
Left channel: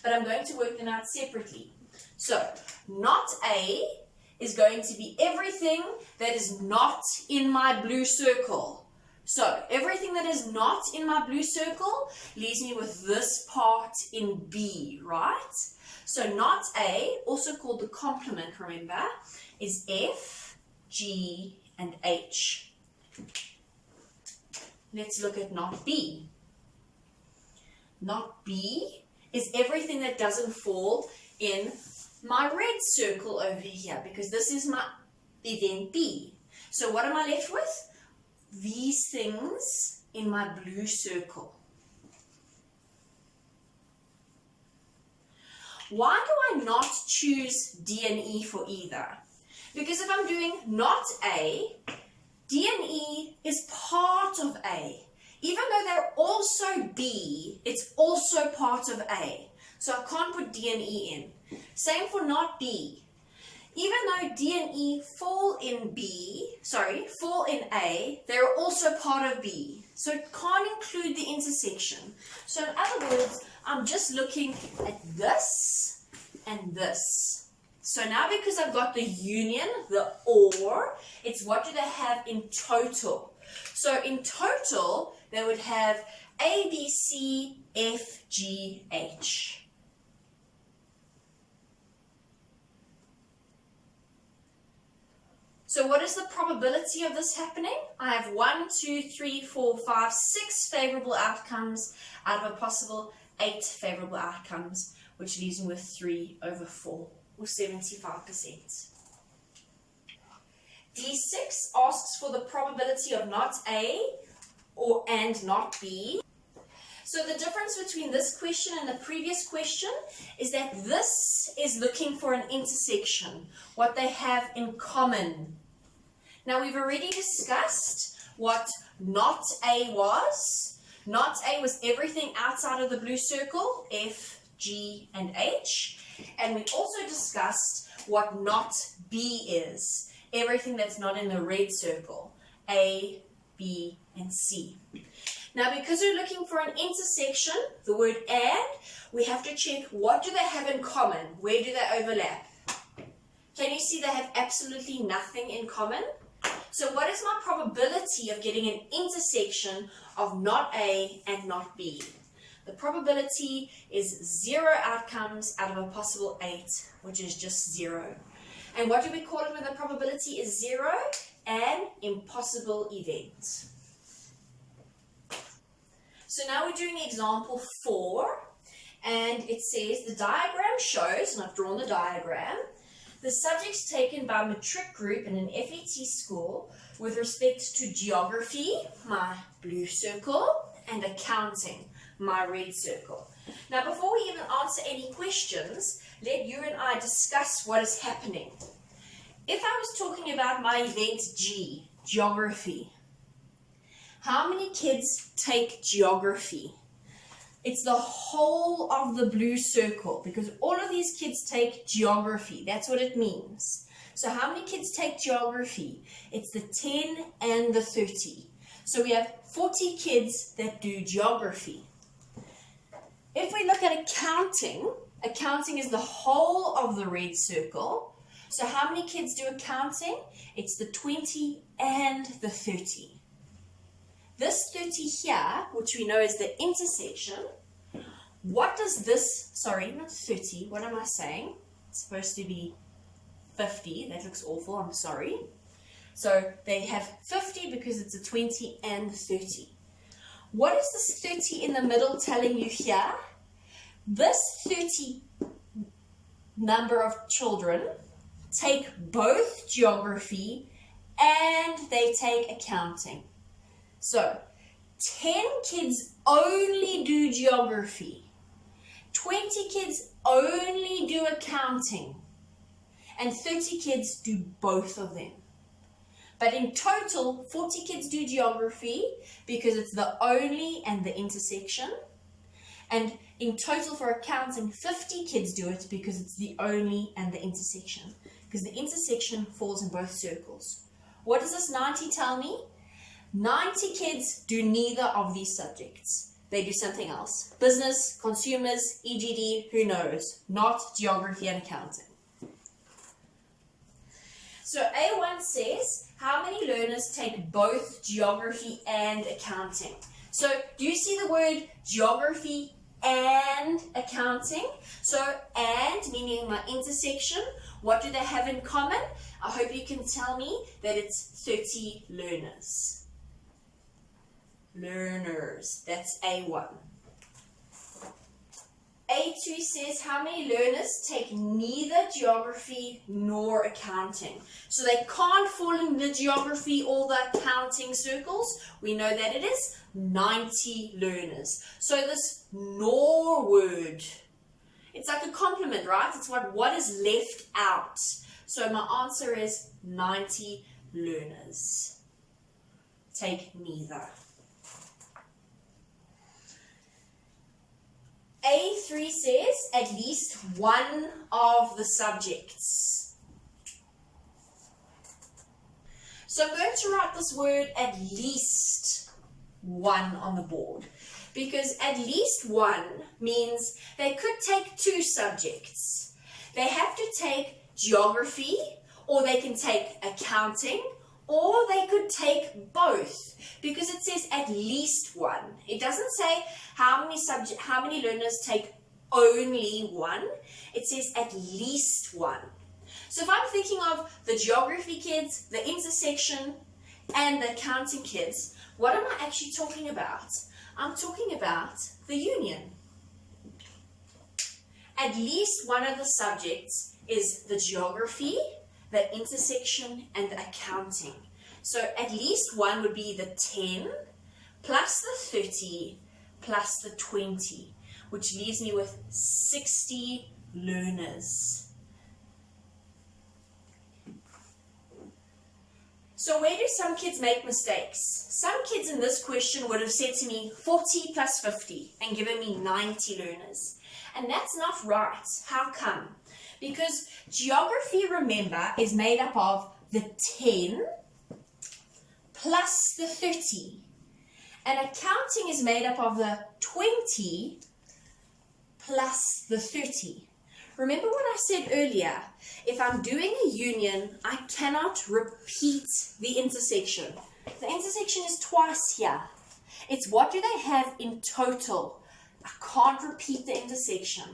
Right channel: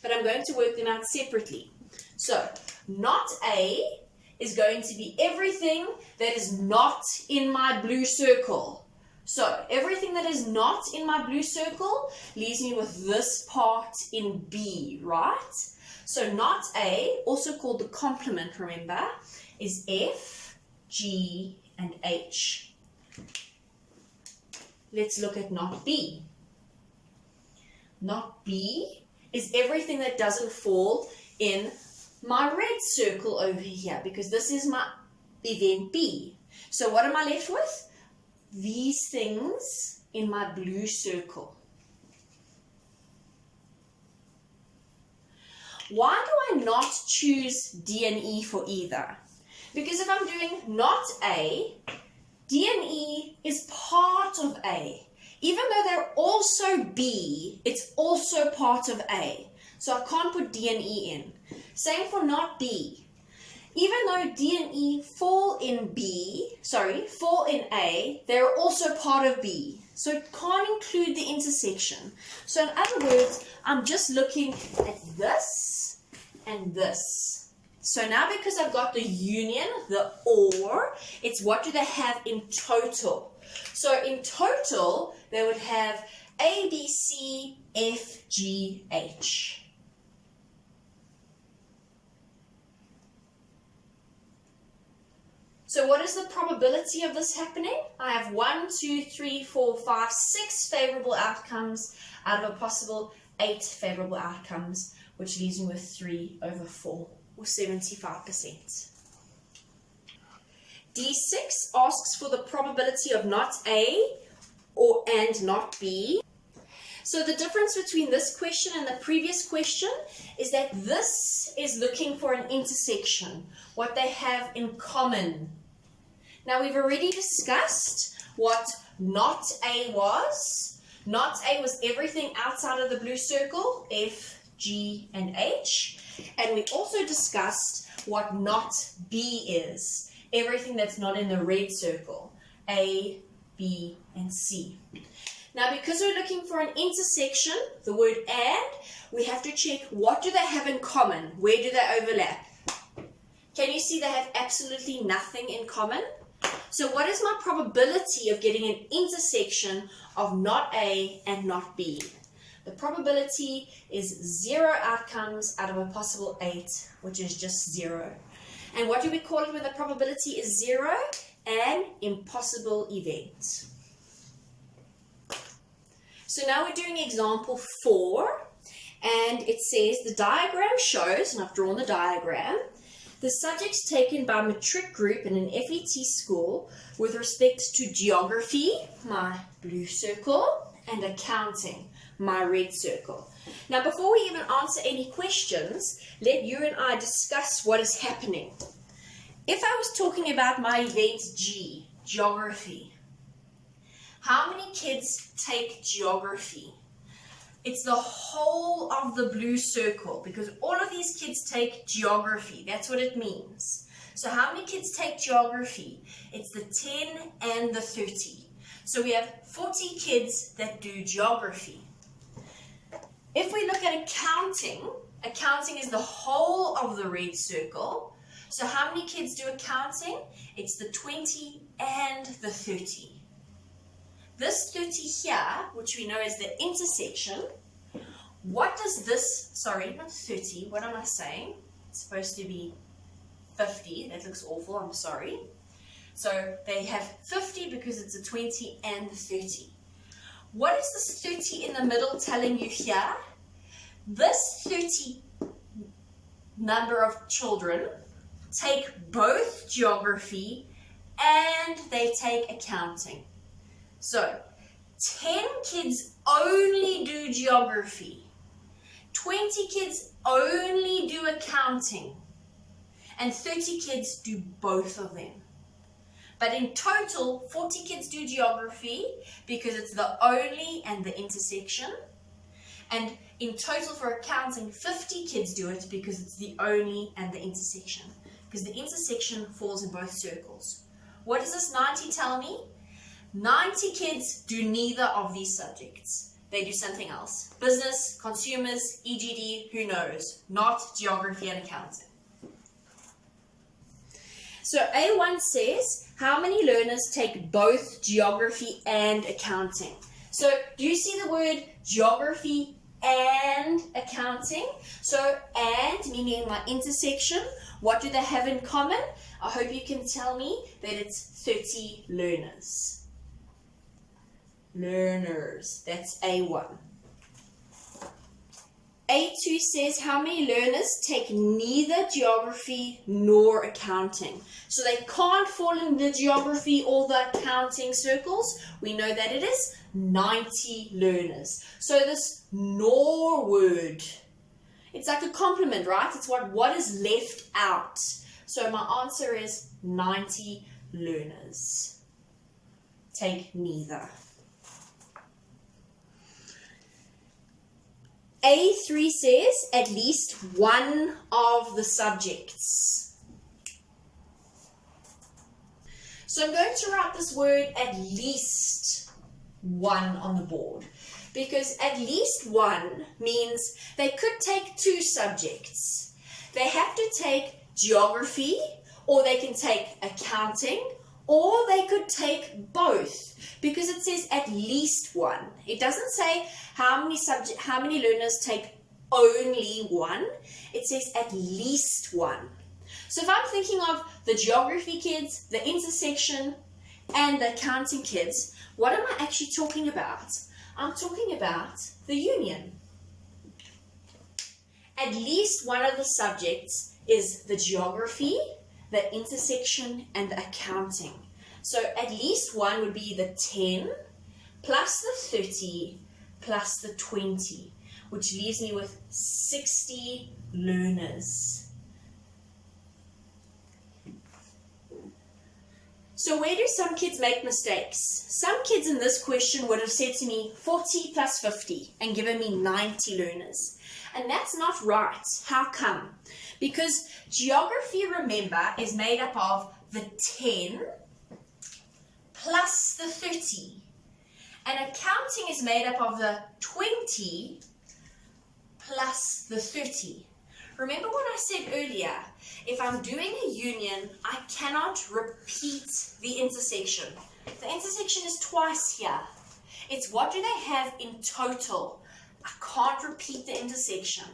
but I'm going to work them out separately. So not A is going to be everything that is not in my blue circle. So everything that is not in my blue circle leaves me with this part in B, right? So not A, also called the complement, remember, is F, G, and H. Let's look at not B. Not B is everything that doesn't fall in my red circle over here, because this is my event B. So what am I left with? These things in my blue circle. Why do I not choose D and E for either? Because if I'm doing not A, D and E is part of A. Even though they're also B, it's also part of A. So I can't put D and E in. Same for not B. Even though D and E fall in A, they're also part of B. So it can't include the intersection. So in other words, I'm just looking at this and this. So now because I've got the union, the or, it's what do they have in total. So in total, they would have A, B, C, F, G, H. So what is the probability of this happening? I have 1, 2, 3, 4, 5, 6 favorable outcomes out of a possible 8 favorable outcomes, which leaves me with 3 over 4, or 75%. D6 asks for the probability of not A and not B. So the difference between this question and the previous question is that this is looking for an intersection, what they have in common. Now we've already discussed what not A was. Not A was everything outside of the blue circle, F, G, and H. And we also discussed what not B is, everything that's not in the red circle, A, B, and C. Now because we're looking for an intersection, the word and, we have to check what do they have in common, where do they overlap. Can you see they have absolutely nothing in common? So what is my probability of getting an intersection of not A and not B? The probability is 0 outcomes out of a possible 8, which is just 0. And what do we call it when the probability is 0? An impossible event. So now we're doing example 4, and it says the diagram shows, and I've drawn the diagram, the subjects taken by matric group in an FET school with respect to geography, my blue circle, and accounting, my red circle. Now before we even answer any questions, let you and I discuss what is happening. If I was talking about my event G, geography, how many kids take geography? It's the whole of the blue circle, because all of these kids take geography. That's what it means. So how many kids take geography? It's the 10 and the 30. So we have 40 kids that do geography. If we look at accounting, accounting is the whole of the red circle. So how many kids do accounting? It's the 20 and the 30. This 30 here, which we know is the intersection, what does this, sorry, not 30, what am I saying? It's supposed to be 50, that looks awful, I'm sorry. So they have 50 because it's a 20 and 30. What is this 30 in the middle telling you here? This 30 number of children take both geography and they take accounting. So 10 kids only do geography, 20 kids only do accounting, and 30 kids do both of them. But in total, 40 kids do geography because it's the only and the intersection. And in total for accounting, 50 kids do it because it's the only and the intersection. Because the intersection falls in both circles. What does this 90 tell me? 90 kids do neither of these subjects. They do something else. Business, consumers, EGD, who knows? Not geography and accounting. So A1 says, how many learners take both geography and accounting? So do you see the word geography and accounting? So and meaning my intersection, what do they have in common? I hope you can tell me that it's 30 learners. Learners, that's A1. A2 says how many learners take neither geography nor accounting. So they can't fall in the geography or the accounting circles. We know that it is 90 learners. So this nor word, it's like a complement, right? It's what is left out. So my answer is 90 learners take neither. A3 says at least one of the subjects. So I'm going to write this word at least one on the board, because at least one means they could take two subjects. They have to take geography, or they can take accounting, or they could take both, because it says at least one. It doesn't say how many learners take only one. It says at least one. So if I'm thinking of the geography kids, the intersection, and the accounting kids, what am I actually talking about? I'm talking about the union. At least one of the subjects is the geography, the intersection, and the accounting. So at least one would be the 10 plus the 30 plus the 20, which leaves me with 60 learners. So where do some kids make mistakes? Some kids in this question would have said to me 40 plus 50 and given me 90 learners. And that's not right. How come? Because geography, remember, is made up of the 10 plus the 30. And accounting is made up of the 20 plus the 30. Remember what I said earlier? If I'm doing a union, I cannot repeat the intersection. The intersection is twice here. It's what do they have in total. I can't repeat the intersection.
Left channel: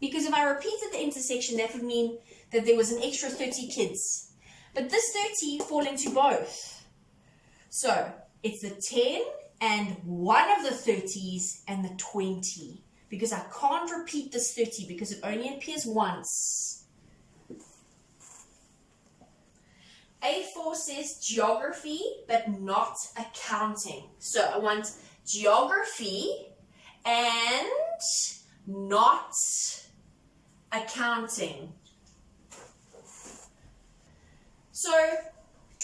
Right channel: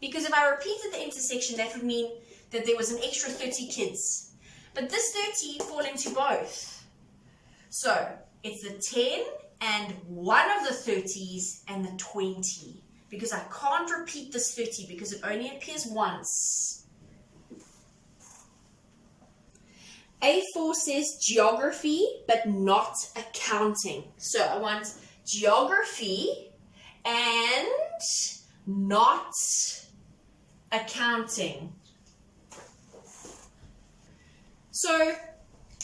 Because if I repeated the intersection, that would mean that there was an extra 30 kids. But this 30 fall into both. So it's the 10 and one of the 30s and the 20. Because I can't repeat this 30 because it only appears once. A4 says geography, but not accounting. So I want geography and not accounting. So,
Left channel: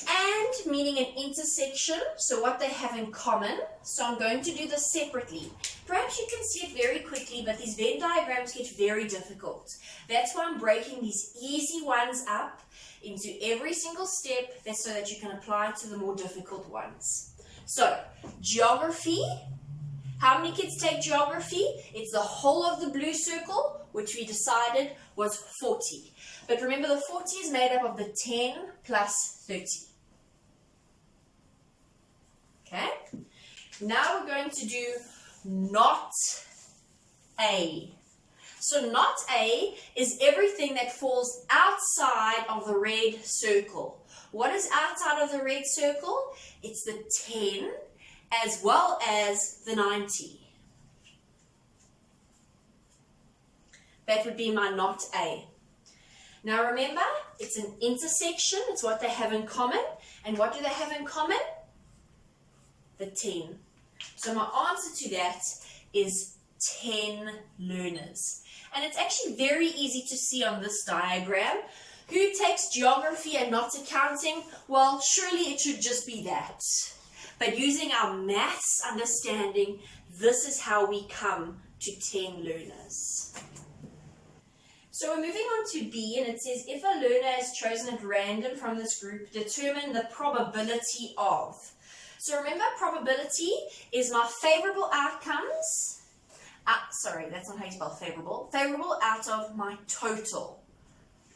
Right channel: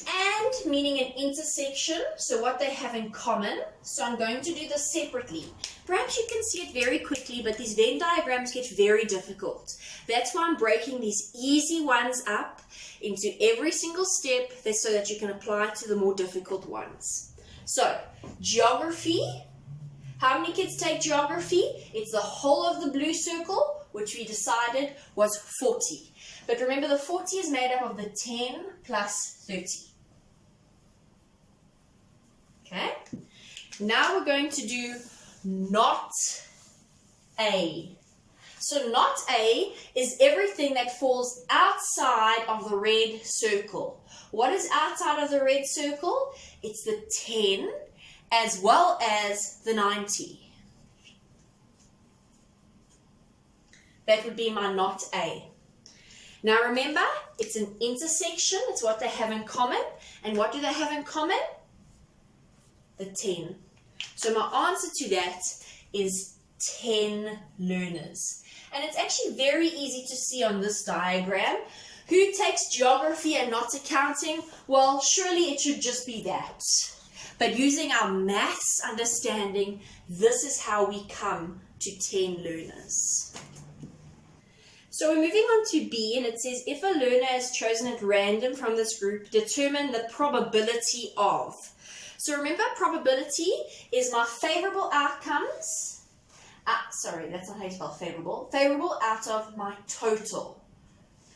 and meaning an intersection, so what they have in common. So I'm going to do this separately. Perhaps you can see it very quickly, but these Venn diagrams get very difficult. That's why I'm breaking these easy ones up into every single step so that you can apply to the more difficult ones. So, geography. How many kids take geography? It's the whole of the blue circle, which we decided was 40. But remember, the 40 is made up of the 10 plus 30. Okay? Now we're going to do not A. So not A is everything that falls outside of the red circle. What is outside of the red circle? It's the 10 as well as the 90. That would be my not A. Now remember, it's an intersection. It's what they have in common. And what do they have in common? The 10. So my answer to that is 10 learners. And it's actually very easy to see on this diagram. Who takes geography and not accounting? Well, surely it should just be that. But using our maths understanding, this is how we come to 10 learners. So we're moving on to B, and it says, if a learner is chosen at random from this group, determine the probability of. So remember, probability is my favorable outcomes. Sorry, that's not how you spell favorable. Favorable out of my total.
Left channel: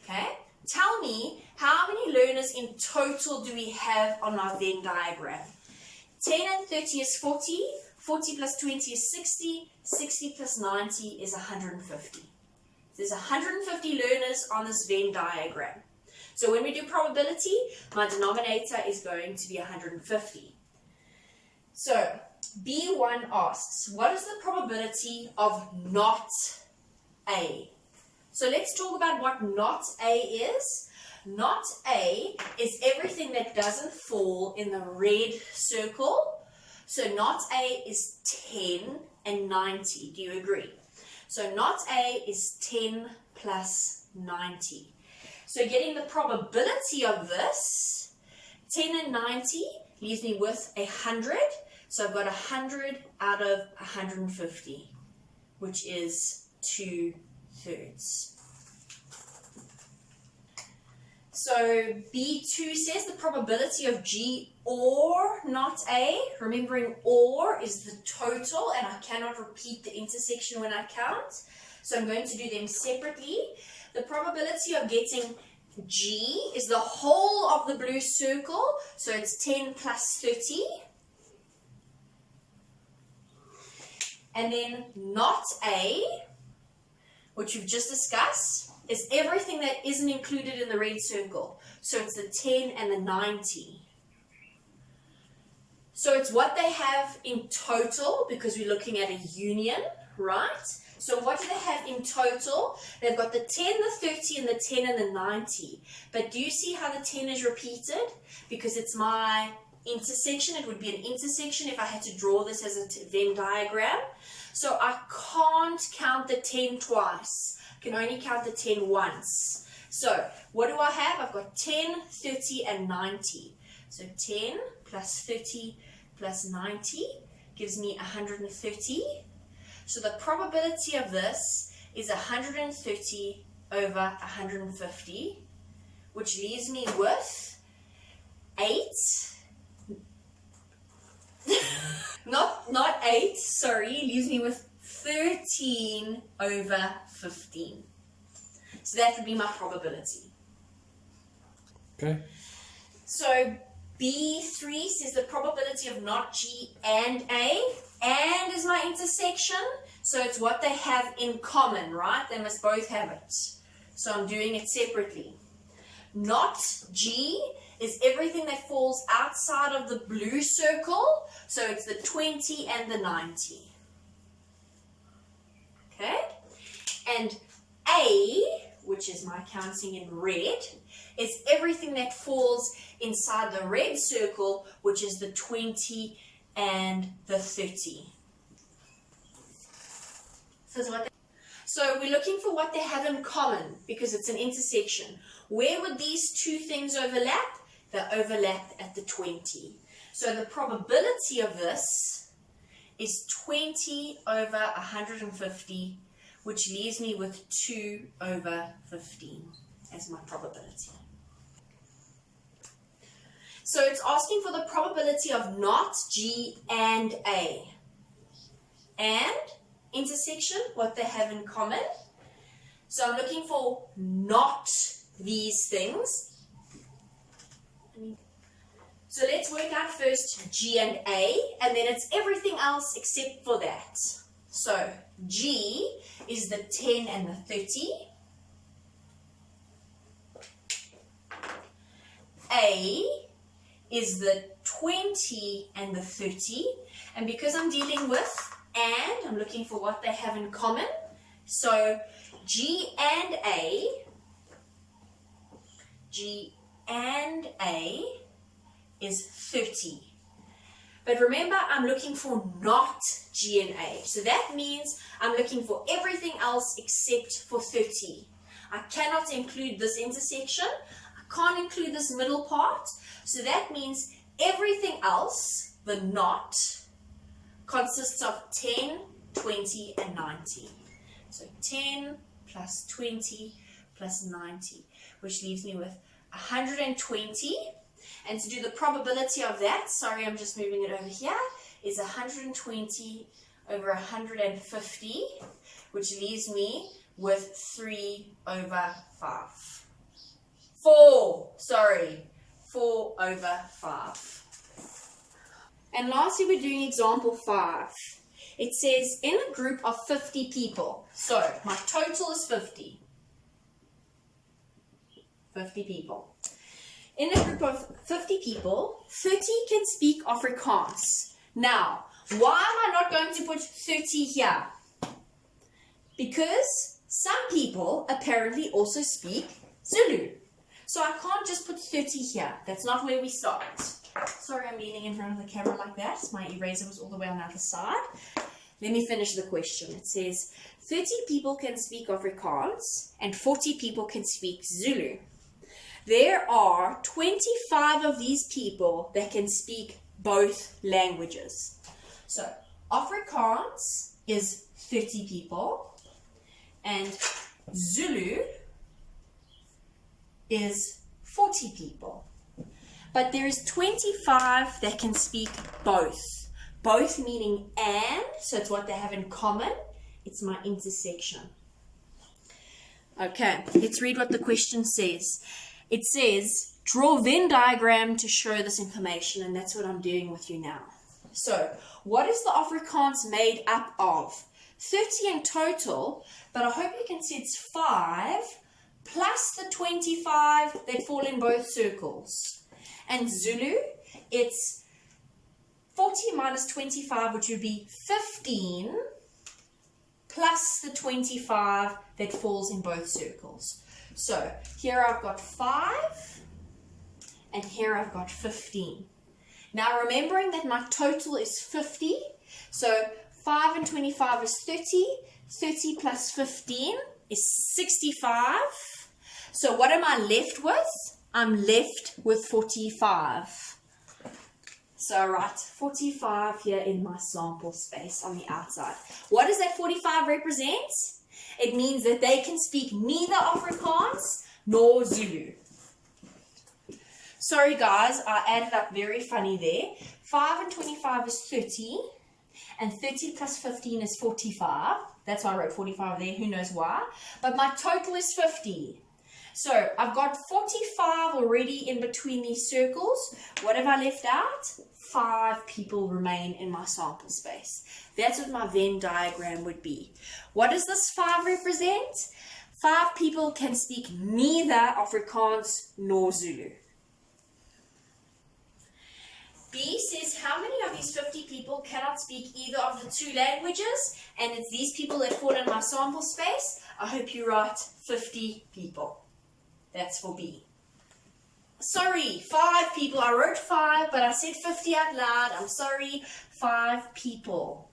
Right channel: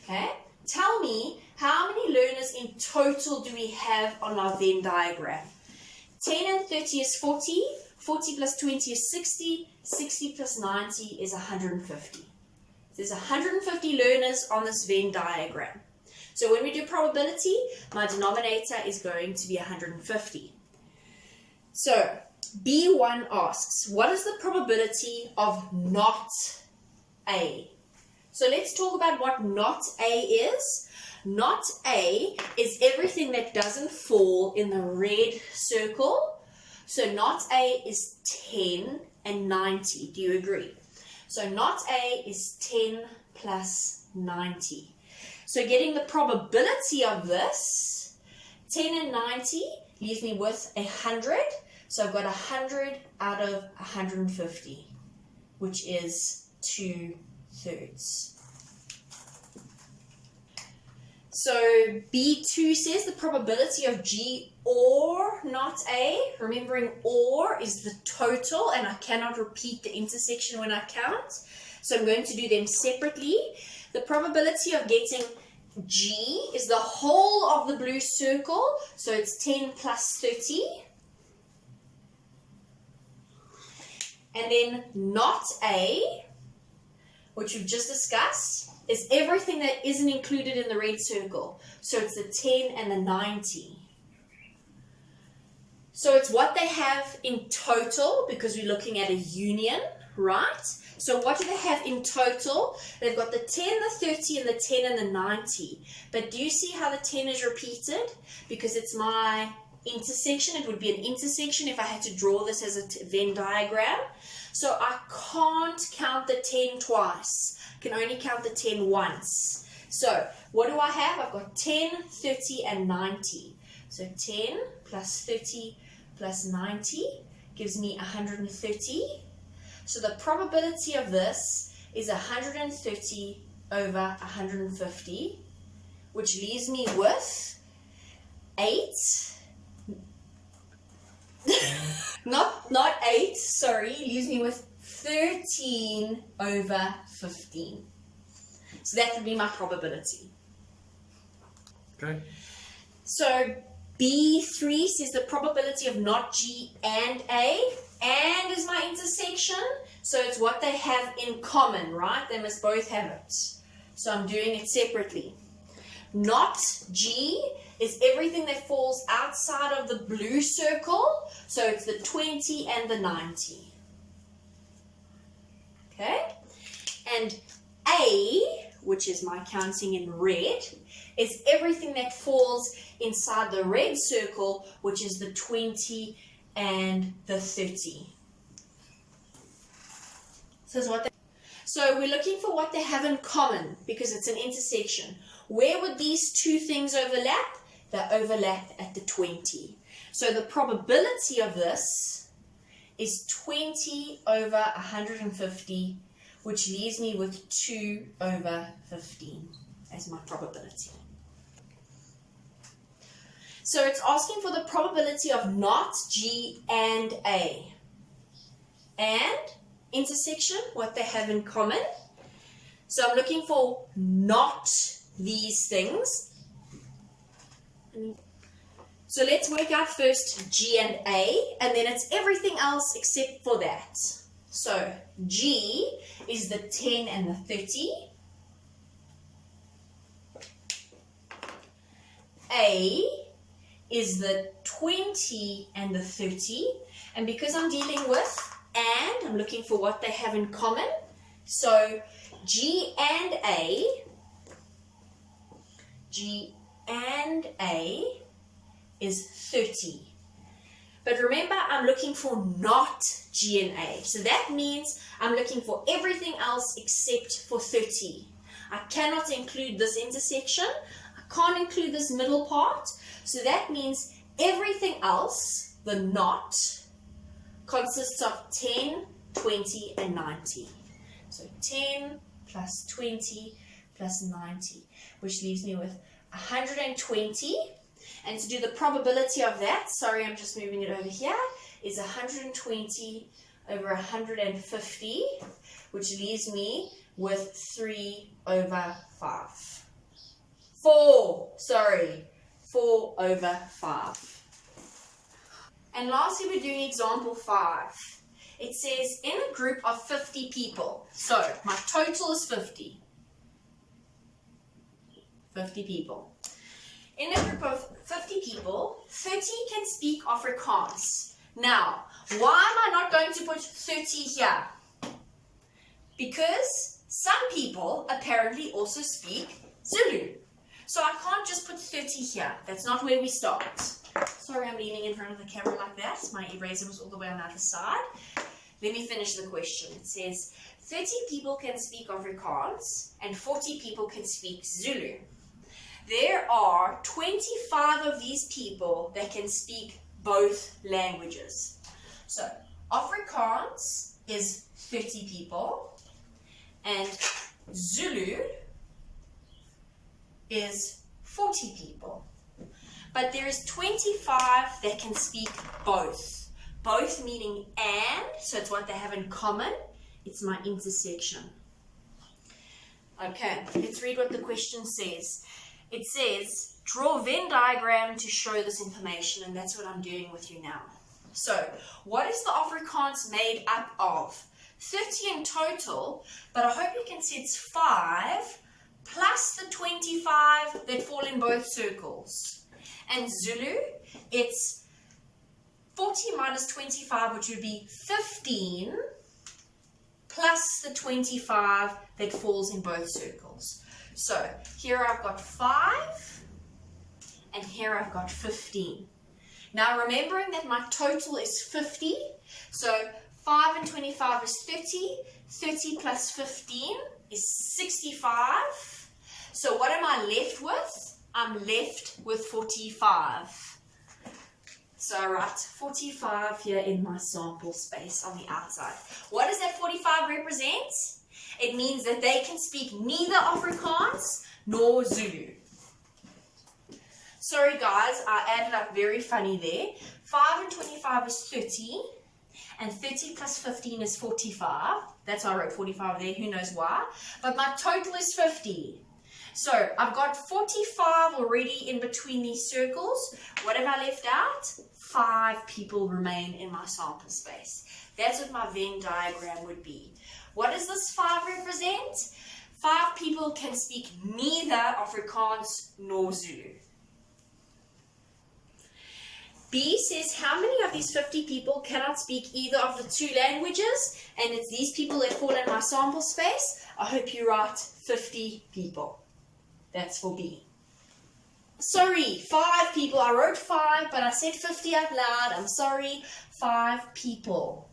Okay? Tell me, how many learners in total do we have on our Venn diagram? 10 and 30 is 40. 40 plus 20 is 60. 60 plus 90 is 150. There's 150 learners on this Venn diagram. So when we do probability, my denominator is going to be 150. So B1 asks, what is the probability of not A? So let's talk about what not A is. Not A is everything that doesn't fall in the red circle. So not A is 10 and 90. Do you agree? So not A is 10 plus 90. So getting the probability of this, 10 and 90 leaves me with 100. So I've got 100 out of 150, which is 2/3. So B2 says the probability of G or not A. Remembering or is the total, and I cannot repeat the intersection when I count. So I'm going to do them separately. The probability of getting G is the whole of the blue circle. So it's 10 plus 30. And then not A, which we've just discussed, is everything that isn't included in the red circle. So it's the 10 and the 90. So it's what they have in total, because we're looking at a union, right? So what do they have in total? They've got the 10, the 30, and the 10 and the 90. But do you see how the 10 is repeated? Because it's my intersection. It would be an intersection if I had to draw this as a Venn diagram. So I can't count the 10 twice. I can only count the 10 once. So what do I have? I've got 10, 30, and 90. So 10 plus 30 plus 90 gives me 130. So the probability of this is 130 over 150, which leaves me with 8. Not 8, sorry, leaves me with 13 over 15. So that would be my probability. Okay. So B3 says the probability of not G and A, and is my intersection, so it's what they have in common, right? They must both have it. So I'm doing it separately. Not G is everything that falls outside of the blue circle, so it's the 20 and the 90. Okay? And A, which is my counting in red, is everything that falls inside the red circle, which is the 20 and the 30. So we're looking for what they have in common, because it's an intersection. Where would these two things overlap? They overlap at the 20. So the probability of this is 20 over 150, which leaves me with 2 over 15 as my probability. So it's asking for the probability of not G and A. And intersection, what they have in common. So I'm looking for not these things. So let's work out first G and A, and then it's everything else except for that. So G is the 10 and the 30. A is the 20 and the 30. And because I'm dealing with and, I'm looking for what they have in common. So G and A G and A is 30. But remember, I'm looking for not G and A. So that means I'm looking for everything else except for 30. I cannot include this intersection. I can't include this middle part. So that means everything else, the not, consists of 10, 20, and 90. So 10 plus 20 plus 90, which leaves me with 120. And to do the probability of that, sorry, I'm just moving it over here, is 120 over 150, which leaves me with 3 over 5. 4 over 5. And lastly, we're doing example 5. It says, in a group of 50 people, so my total is 50. 50 people. In a group of 50 people, 30 can speak Afrikaans. Now, why am I not going to put 30 here? Because some people apparently also speak Zulu. So I can't just put 30 here. That's not where we start. Sorry, I'm leaning in front of the camera like that. My eraser was all the way on the other side. Let me finish the question. It says, 30 people can speak Afrikaans and 40 people can speak Zulu. There are 25 of these people that can speak both languages. So Afrikaans is 30 people and Zulu is 40 people. But there is 25 that can speak both. Both meaning and, so it's what they have in common. It's my intersection. Okay, let's read what the question says. It says, draw a Venn diagram to show this information, and that's what I'm doing with you now. So, what is the Afrikaans made up of? 30 in total, but I hope you can see it's 5 plus the 25 that fall in both circles. And Zulu, it's 40 minus 25, which would be 15, plus the 25 that falls in both circles. So here I've got 5 and here I've got 15. Now remembering that my total is 50, so 5 and 25 is 30, 30 plus 15 is 65. So what am I left with? I'm left with 45. So I write 45 here in my sample space on the outside. What does that 45 represent? It means that they can speak neither Afrikaans nor Zulu. Sorry guys, I added up very funny there. 5 and 25 is 30, and 30 plus 15 is 45. That's why I wrote 45 there, who knows why. But my total is 50. So I've got 45 already in between these circles. What have I left out? 5 people remain in my sample space. That's what my Venn diagram would be. What does this 5 represent? 5 people can speak neither Afrikaans nor Zulu. B says, how many of these 50 people cannot speak either of the 2 languages? And it's these people that fall in my sample space. I hope you write 50 people. That's for B. Sorry, 5 people. I wrote 5, but I said 50 out loud. I'm sorry, 5 people.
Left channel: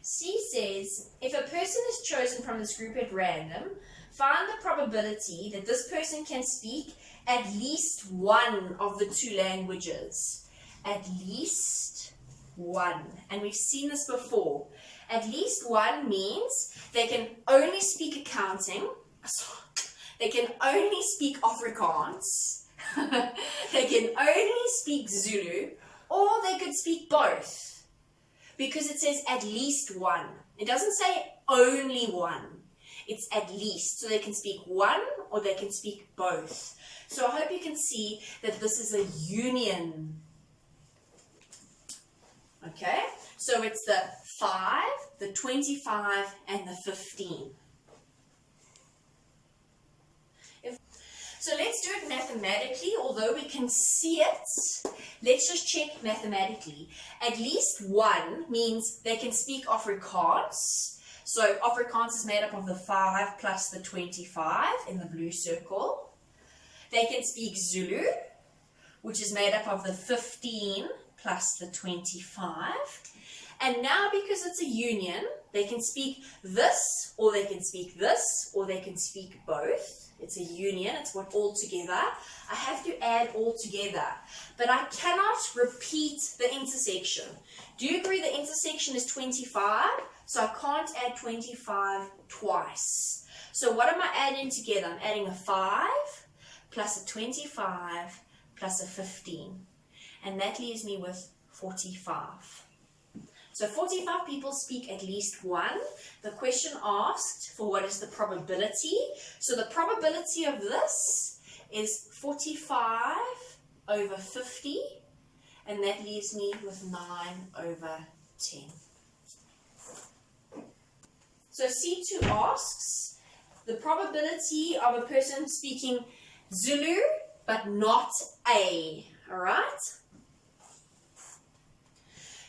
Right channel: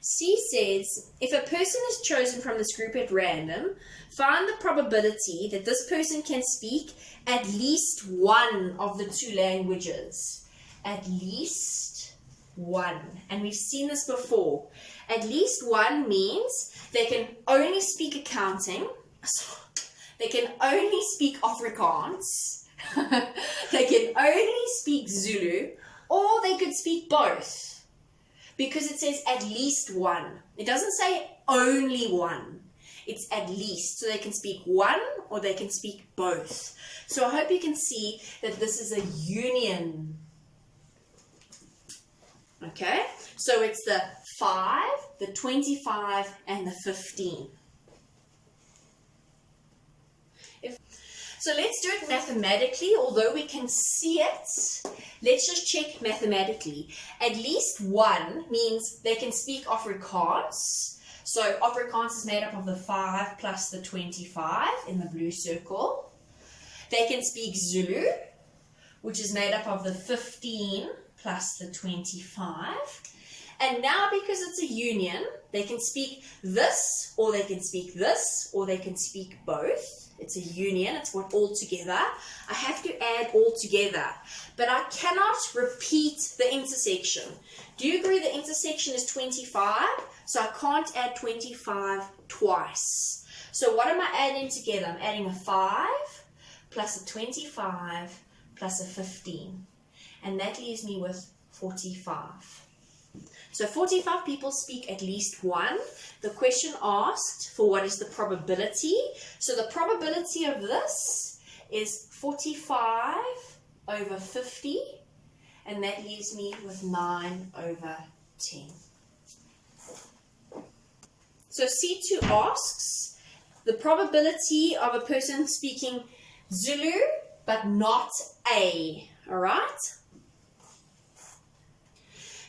C says, if a person is chosen from this group at random, find the probability that this person can speak at least one of the 2 languages. At least one. And we've seen this before. At least one means they can only speak accounting. They can only speak Afrikaans. They can only speak Zulu. Or they could speak both. Because it says at least one. It doesn't say only one. It's at least. So they can speak one or they can speak both. So I hope you can see that this is a union. Okay? So it's the 5, the 25, and the 15. So let's do it mathematically, although we can see it. Let's just check mathematically. At least one means they can speak Afrikaans. So Afrikaans is made up of the 5 plus the 25 in the blue circle. They can speak Zulu, which is made up of the 15 plus the 25. And now because it's a union, they can speak this, or they can speak this, or they can speak both. It's a union, it's what all together. I have to add all together, but I cannot repeat the intersection. Do you agree the intersection is 25? So I can't add 25 twice. So what am I adding together? I'm adding a 5 plus a 25 plus a 15. And that leaves me with 45. So 45 people speak at least one. The question asked for what is the probability. So the probability of this is 45 over 50. And that leaves me with 9 over 10. So C2 asks the probability of a person speaking Zulu but not A. All right?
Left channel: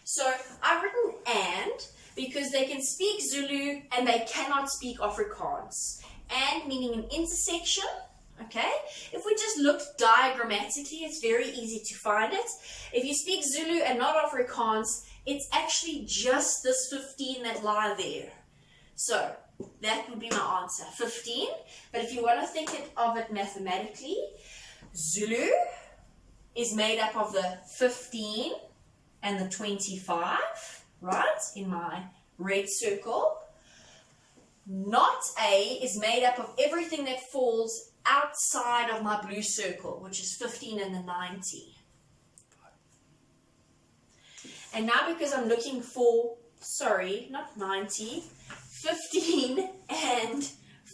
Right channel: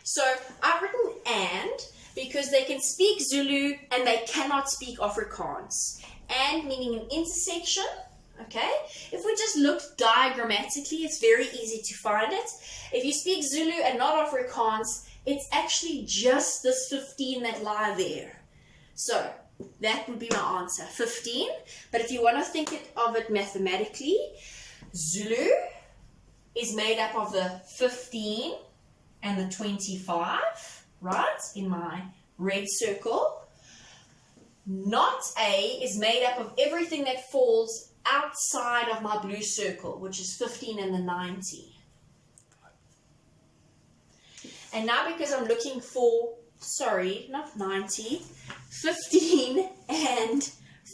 So I've written and because they can speak Zulu and they cannot speak Afrikaans. And meaning an intersection, okay? If we just look diagrammatically, it's very easy to find it. If you speak Zulu and not Afrikaans, it's actually just this 15 that lie there. So that would be my answer, 15. But if you want to think of it mathematically, Zulu is made up of the 15 and the 25, right, in my red circle. Not A is made up of everything that falls outside of my blue circle, which is 15 and the 90. And now because I'm looking for, sorry, not 90, 15 and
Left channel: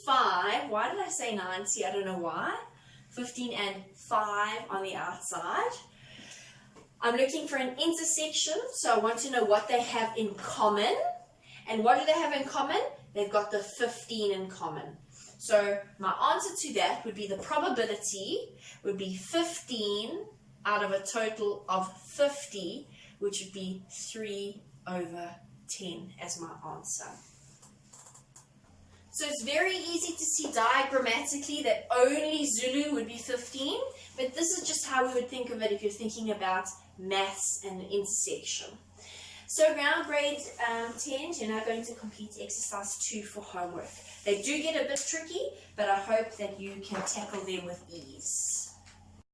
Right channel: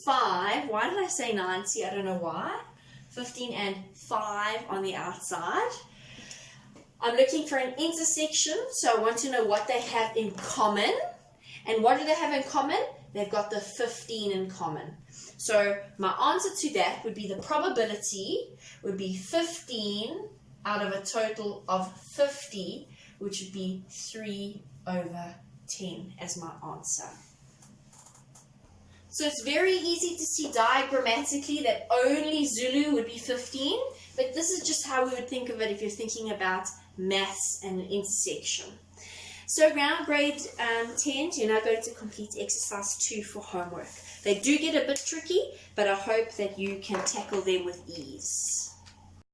5. Why did I say 90? I don't know why. 15 and 5 on the outside. I'm looking for an intersection, so I want to know what they have in common. And what do they have in common? They've got the 15 in common. So my answer to that would be the probability would be 15 out of a total of 50, which would be 3 over 10 as my answer. So it's very easy to see diagrammatically that only Zulu would be 15, but this is just how we would think of it if you're thinking about maths and an intersection. So around grade 10, you're now going to complete exercise 2 for homework. They do get a bit tricky, but I hope that you can tackle them with ease.